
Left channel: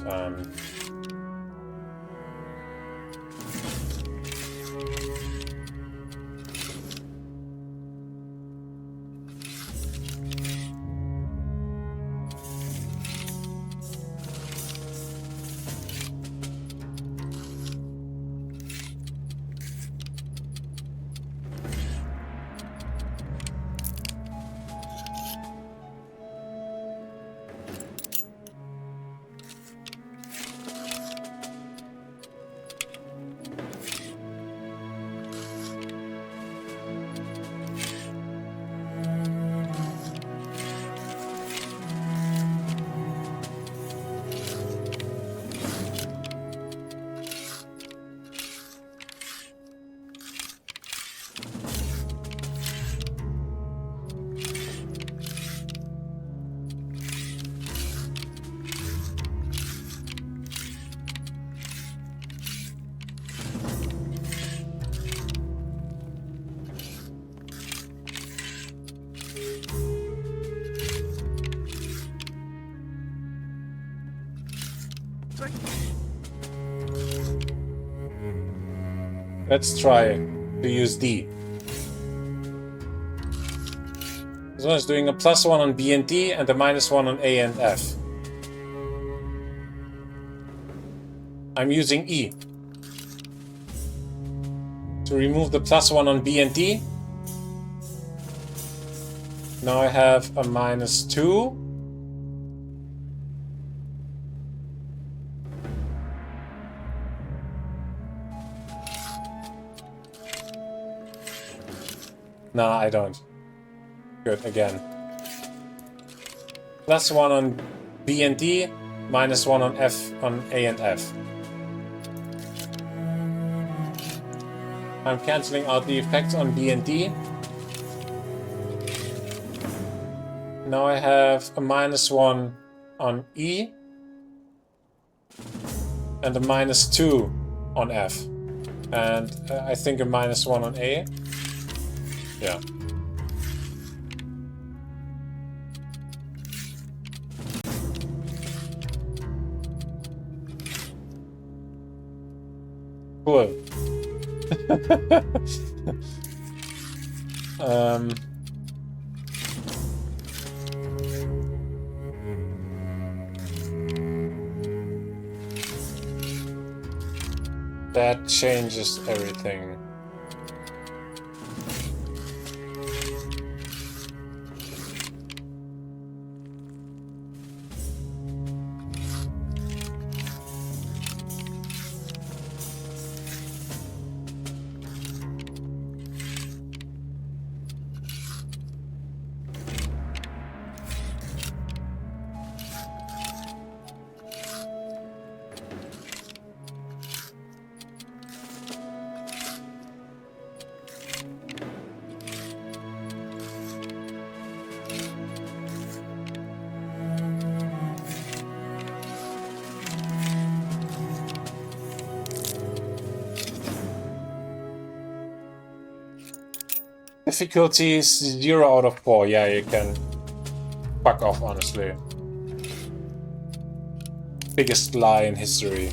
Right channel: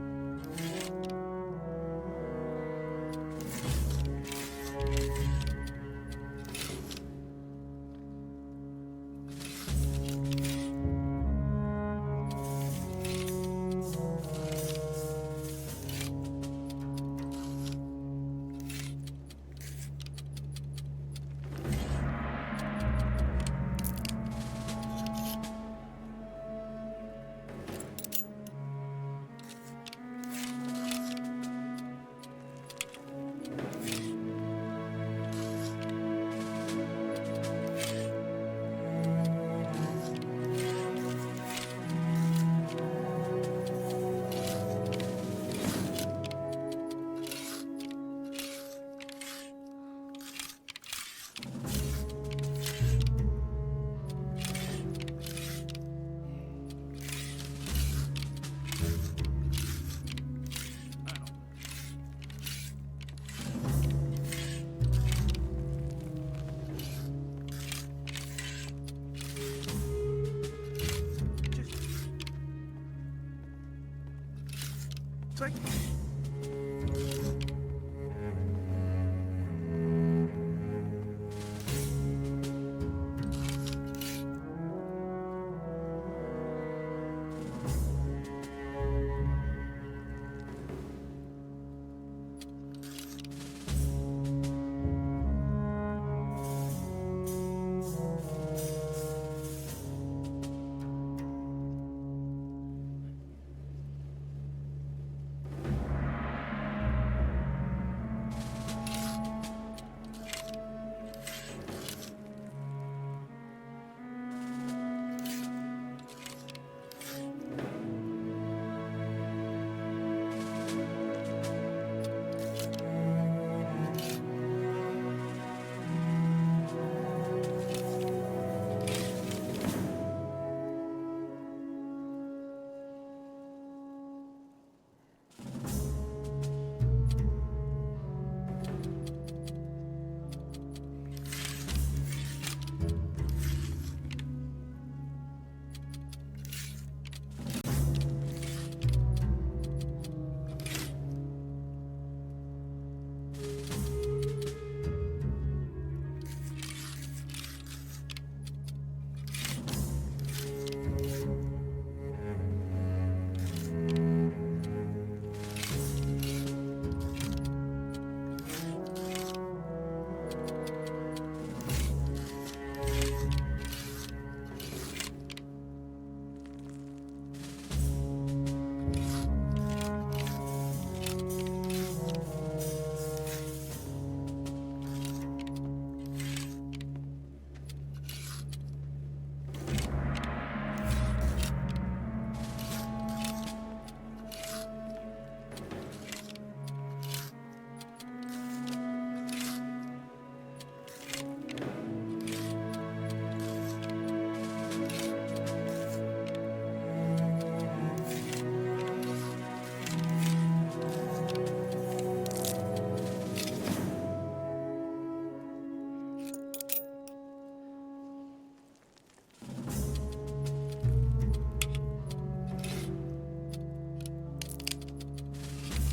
let's try to use D. This one is doing a +1 on B and D and a -1 on A and F. I'm using E to remove the +1 on B and D. Now I have a -2. No, I don't. Good, again. +1 on B and D, -1 on F, on A and F. I'm cancelling out the effects on D and D. Now I have a -1 on E and a -2 on F. And I think a -1 on A. Yeah. Cool. That changes everything. Difficulty 0 out of 4. Yeah, you can fuck off, honestly. Biggest lie in history.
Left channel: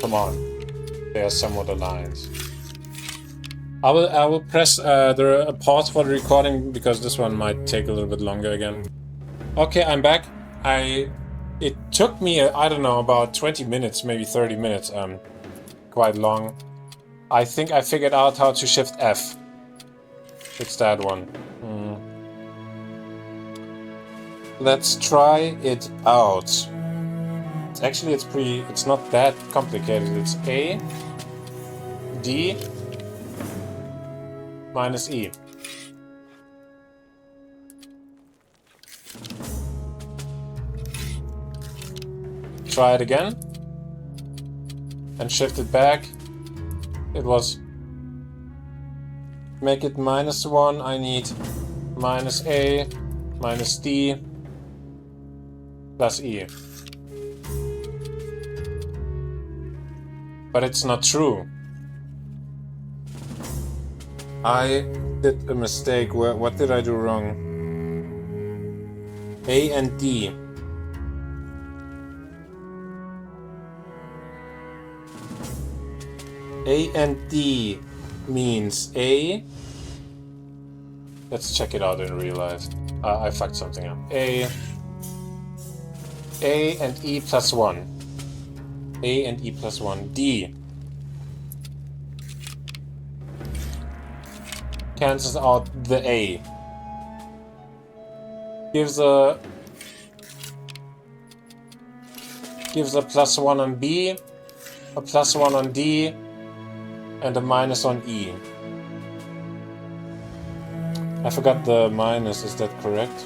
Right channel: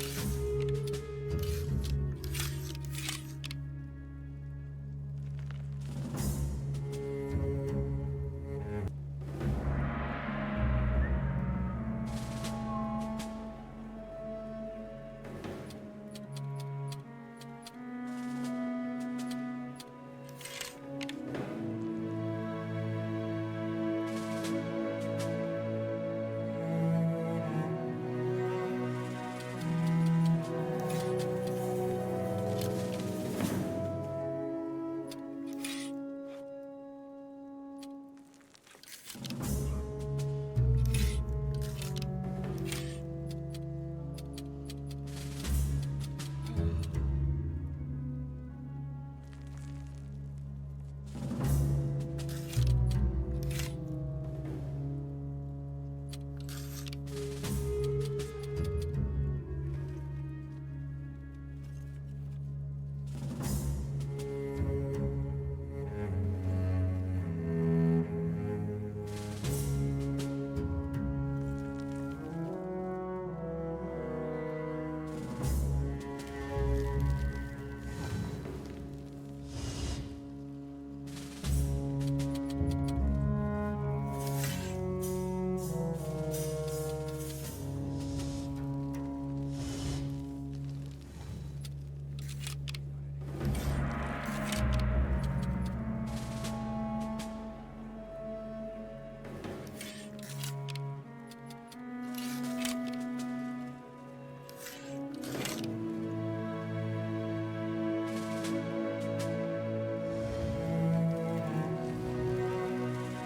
Come on. There are some other lines. I will press the pause for the recording because this one might take a little bit longer again. Okay, I'm back. It took me, I don't know, about 20 minutes, maybe 30 minutes, quite long. I think I figured out how to shift F. It's that one. Let's try it out. Actually, it's not that complicated. It's A, D, minus E. Try it again and shift it back. It was make it -1. I need minus A, minus D, plus E. But it's not true. I did a mistake. What did I do wrong? A and D. A and D means A. Let's check it out in real life. I fucked something up. A and E plus 1. A and E plus 1. D cancels out the A. Gives a +1 on B, a +1 on D, and a minus on E. I forgot the minus, is that correct?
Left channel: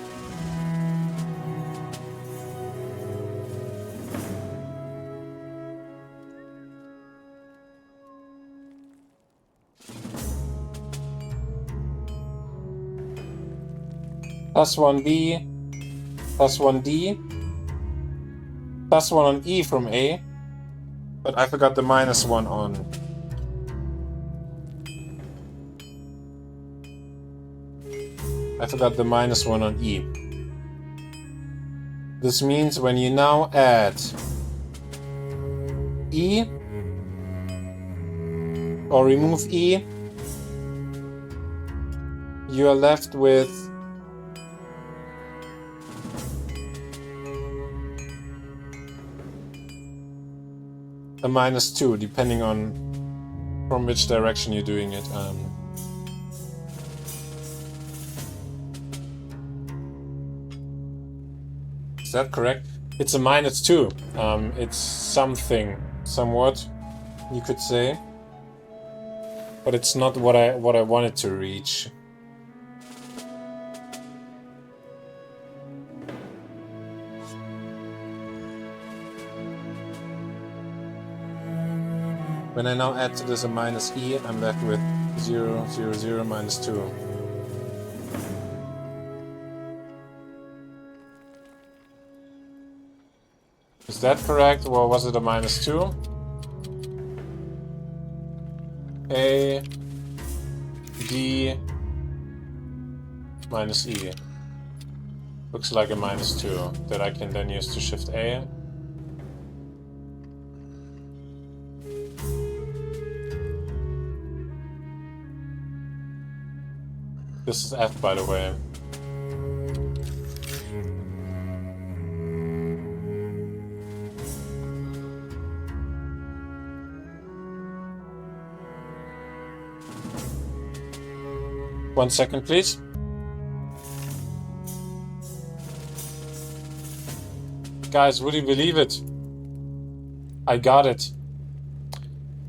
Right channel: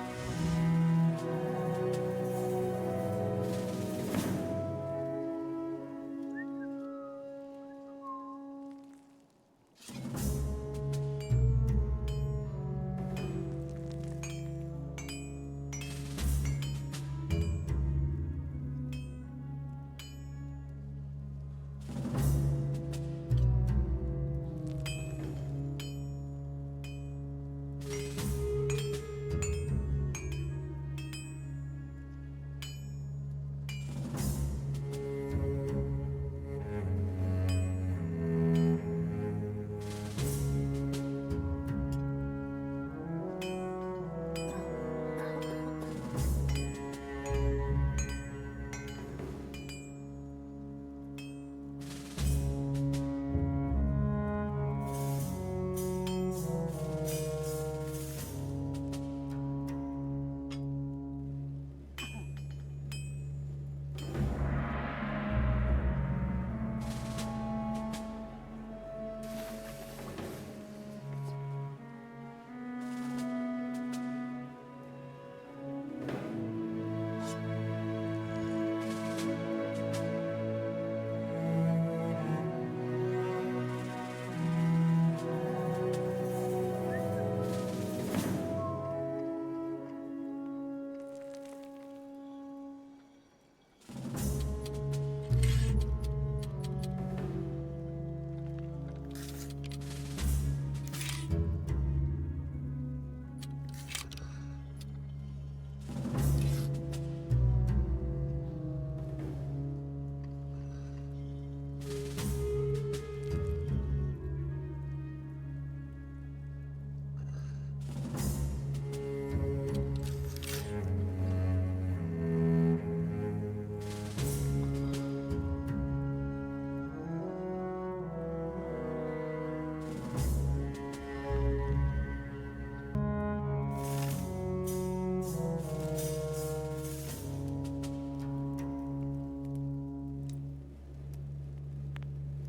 +1 B, +1 D, +1 on E from A, but I forgot the -1 on. I forgot the -1 on E. This means when you now add E or remove E, you are left with a -2, depending on from which direction you're doing it. Is that correct? It's a -2. It's something, somewhat, you could say, but it's not what I wanted to reach. When I now add to this a minus E, I'm left with 0, 0, 0, minus 2. Is that correct, or was it a minus 2? A, D, minus E. Looks like a minus 2 that I can then use to shift A. This is F, by the way. One second, please. Guys, would you believe it? I got it.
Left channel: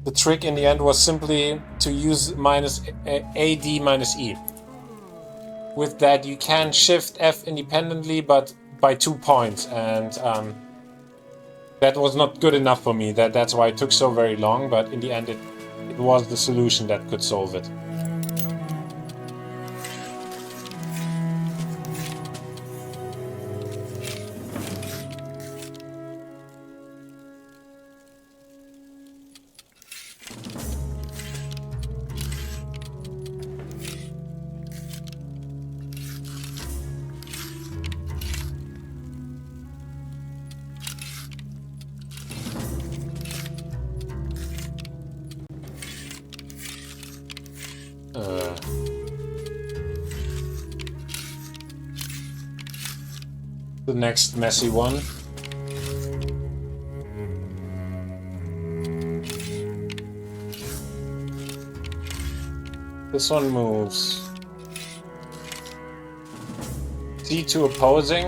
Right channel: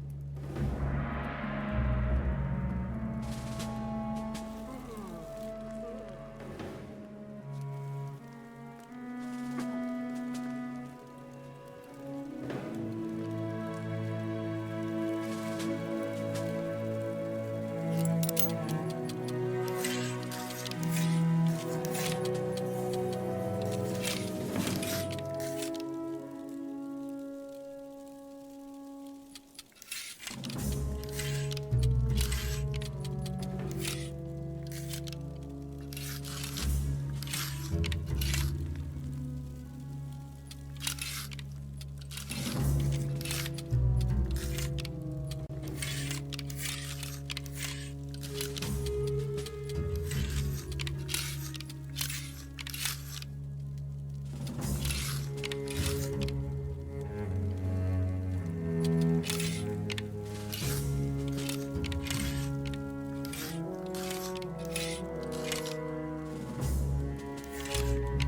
The trick in the end was simply to use minus AD minus E. With that, you can shift F independently, but by 2 points, and that was not good enough for me. That's why it took so very long, but in the end, it was the solution that could solve it. The next messy one. This one moves C to opposing,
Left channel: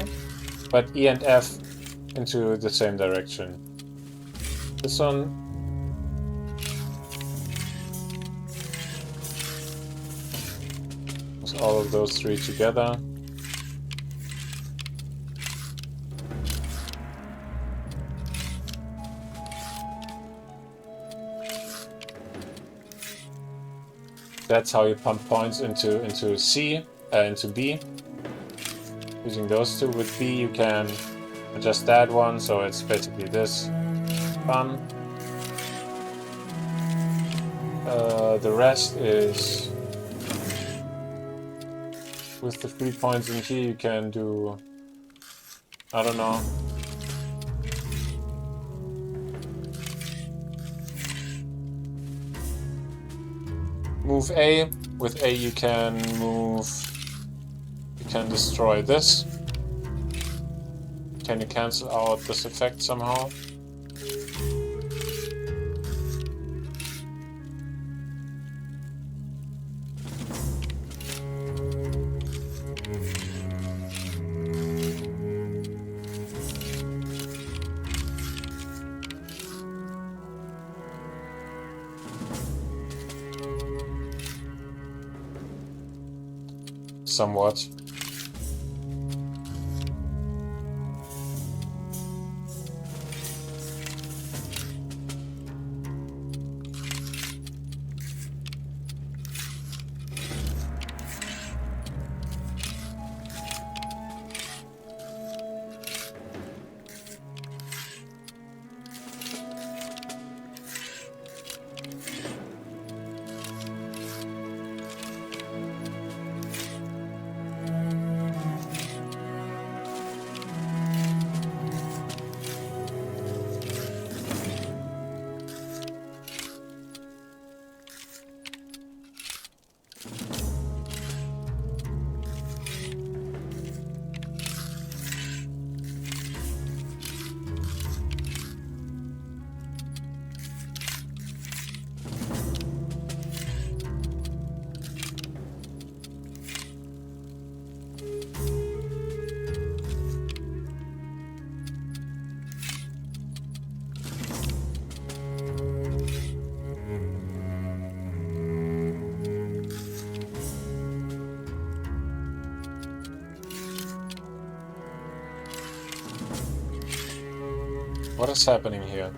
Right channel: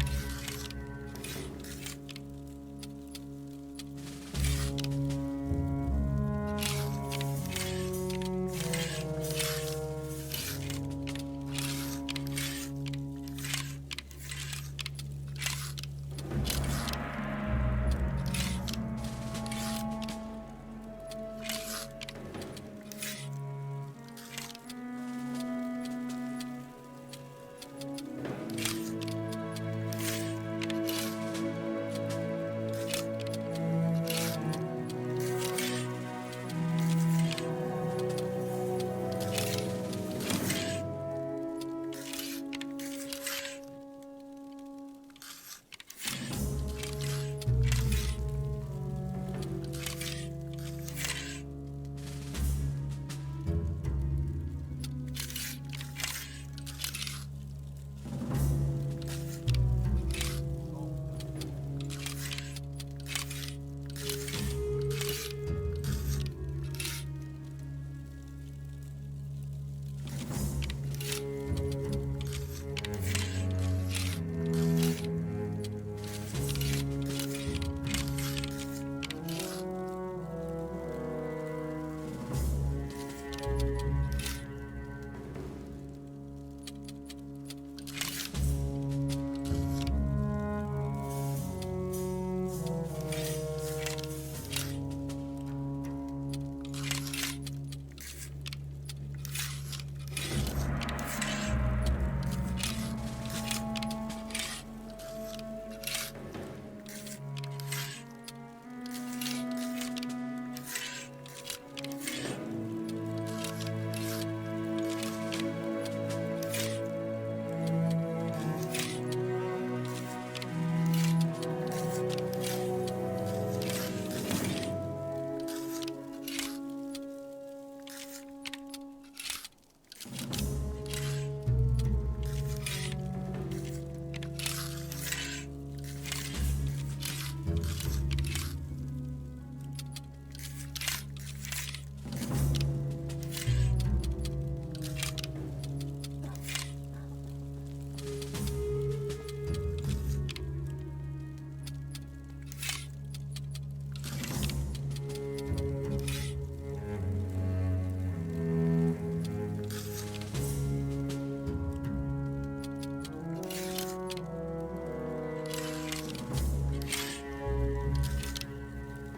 but E and F into the same direction. This one moves all of those three together. That's how you pump points into C, into B. Using those two. With B, you can adjust that one, so it's basically this. Fun. The rest is with the 3 points in T. You can do, I don't know. Move A. With A you can destroy this. Can you cancel out this effect somehow? Somewhat. What is happening here?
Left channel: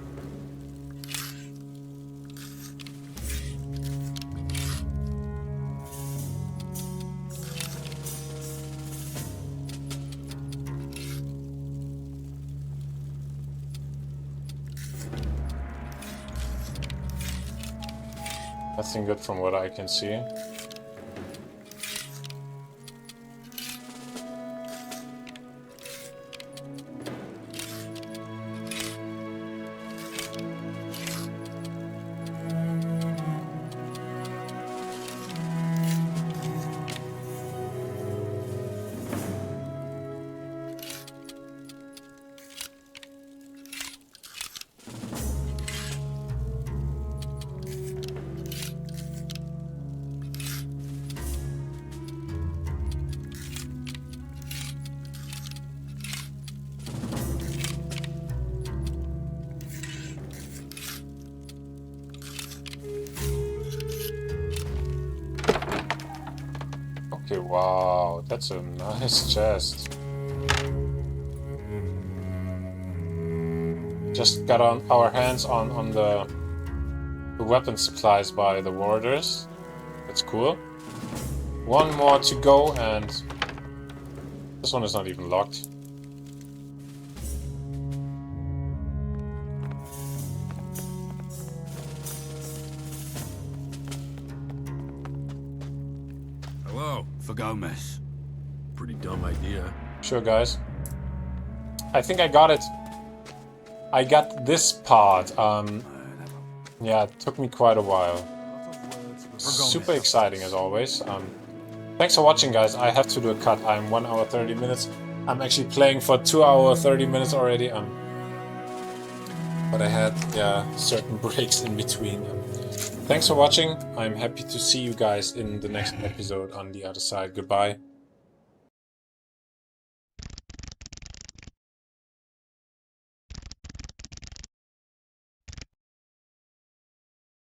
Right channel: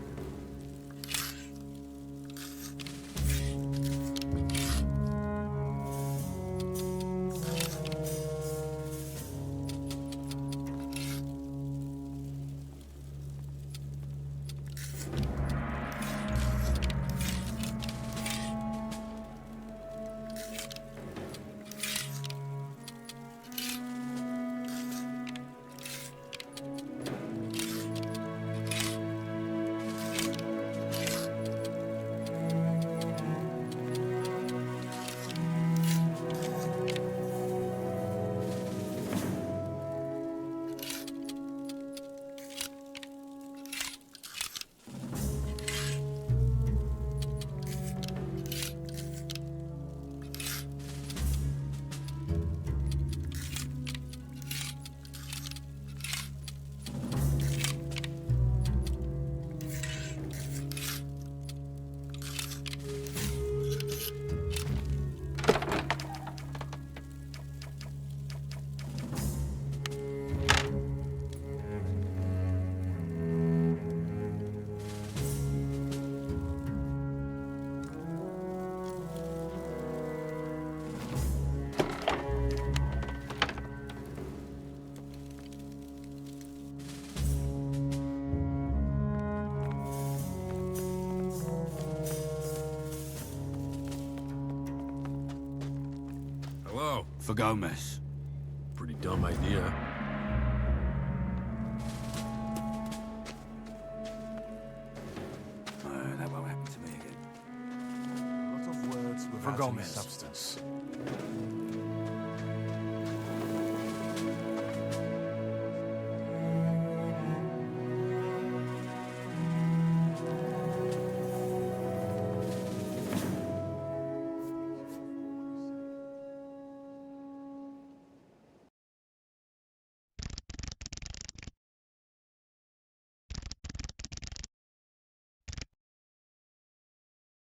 nothing good from what I can see. Okay, wow, that's a nice chest. Just got on our hands on the weapon supplies by the warders. That's cool. One more to go, and this one is not even locked. Hello. 𝔸𝕟𝕟𝕒. Pretty dumb idea. Sure, guys. I think I got it. I got this part. Yeah, it took me quite a while. Super exciting as always. Thanks for watching, guys. I have to do a cut. I'm 1 hour 30 minutes. I'm actually playing for 2 hours 30 minutes already. But I had certain breaks in between. Thanks for watching. I'm happy to see you guys in the next episode on the other side. Goodbye.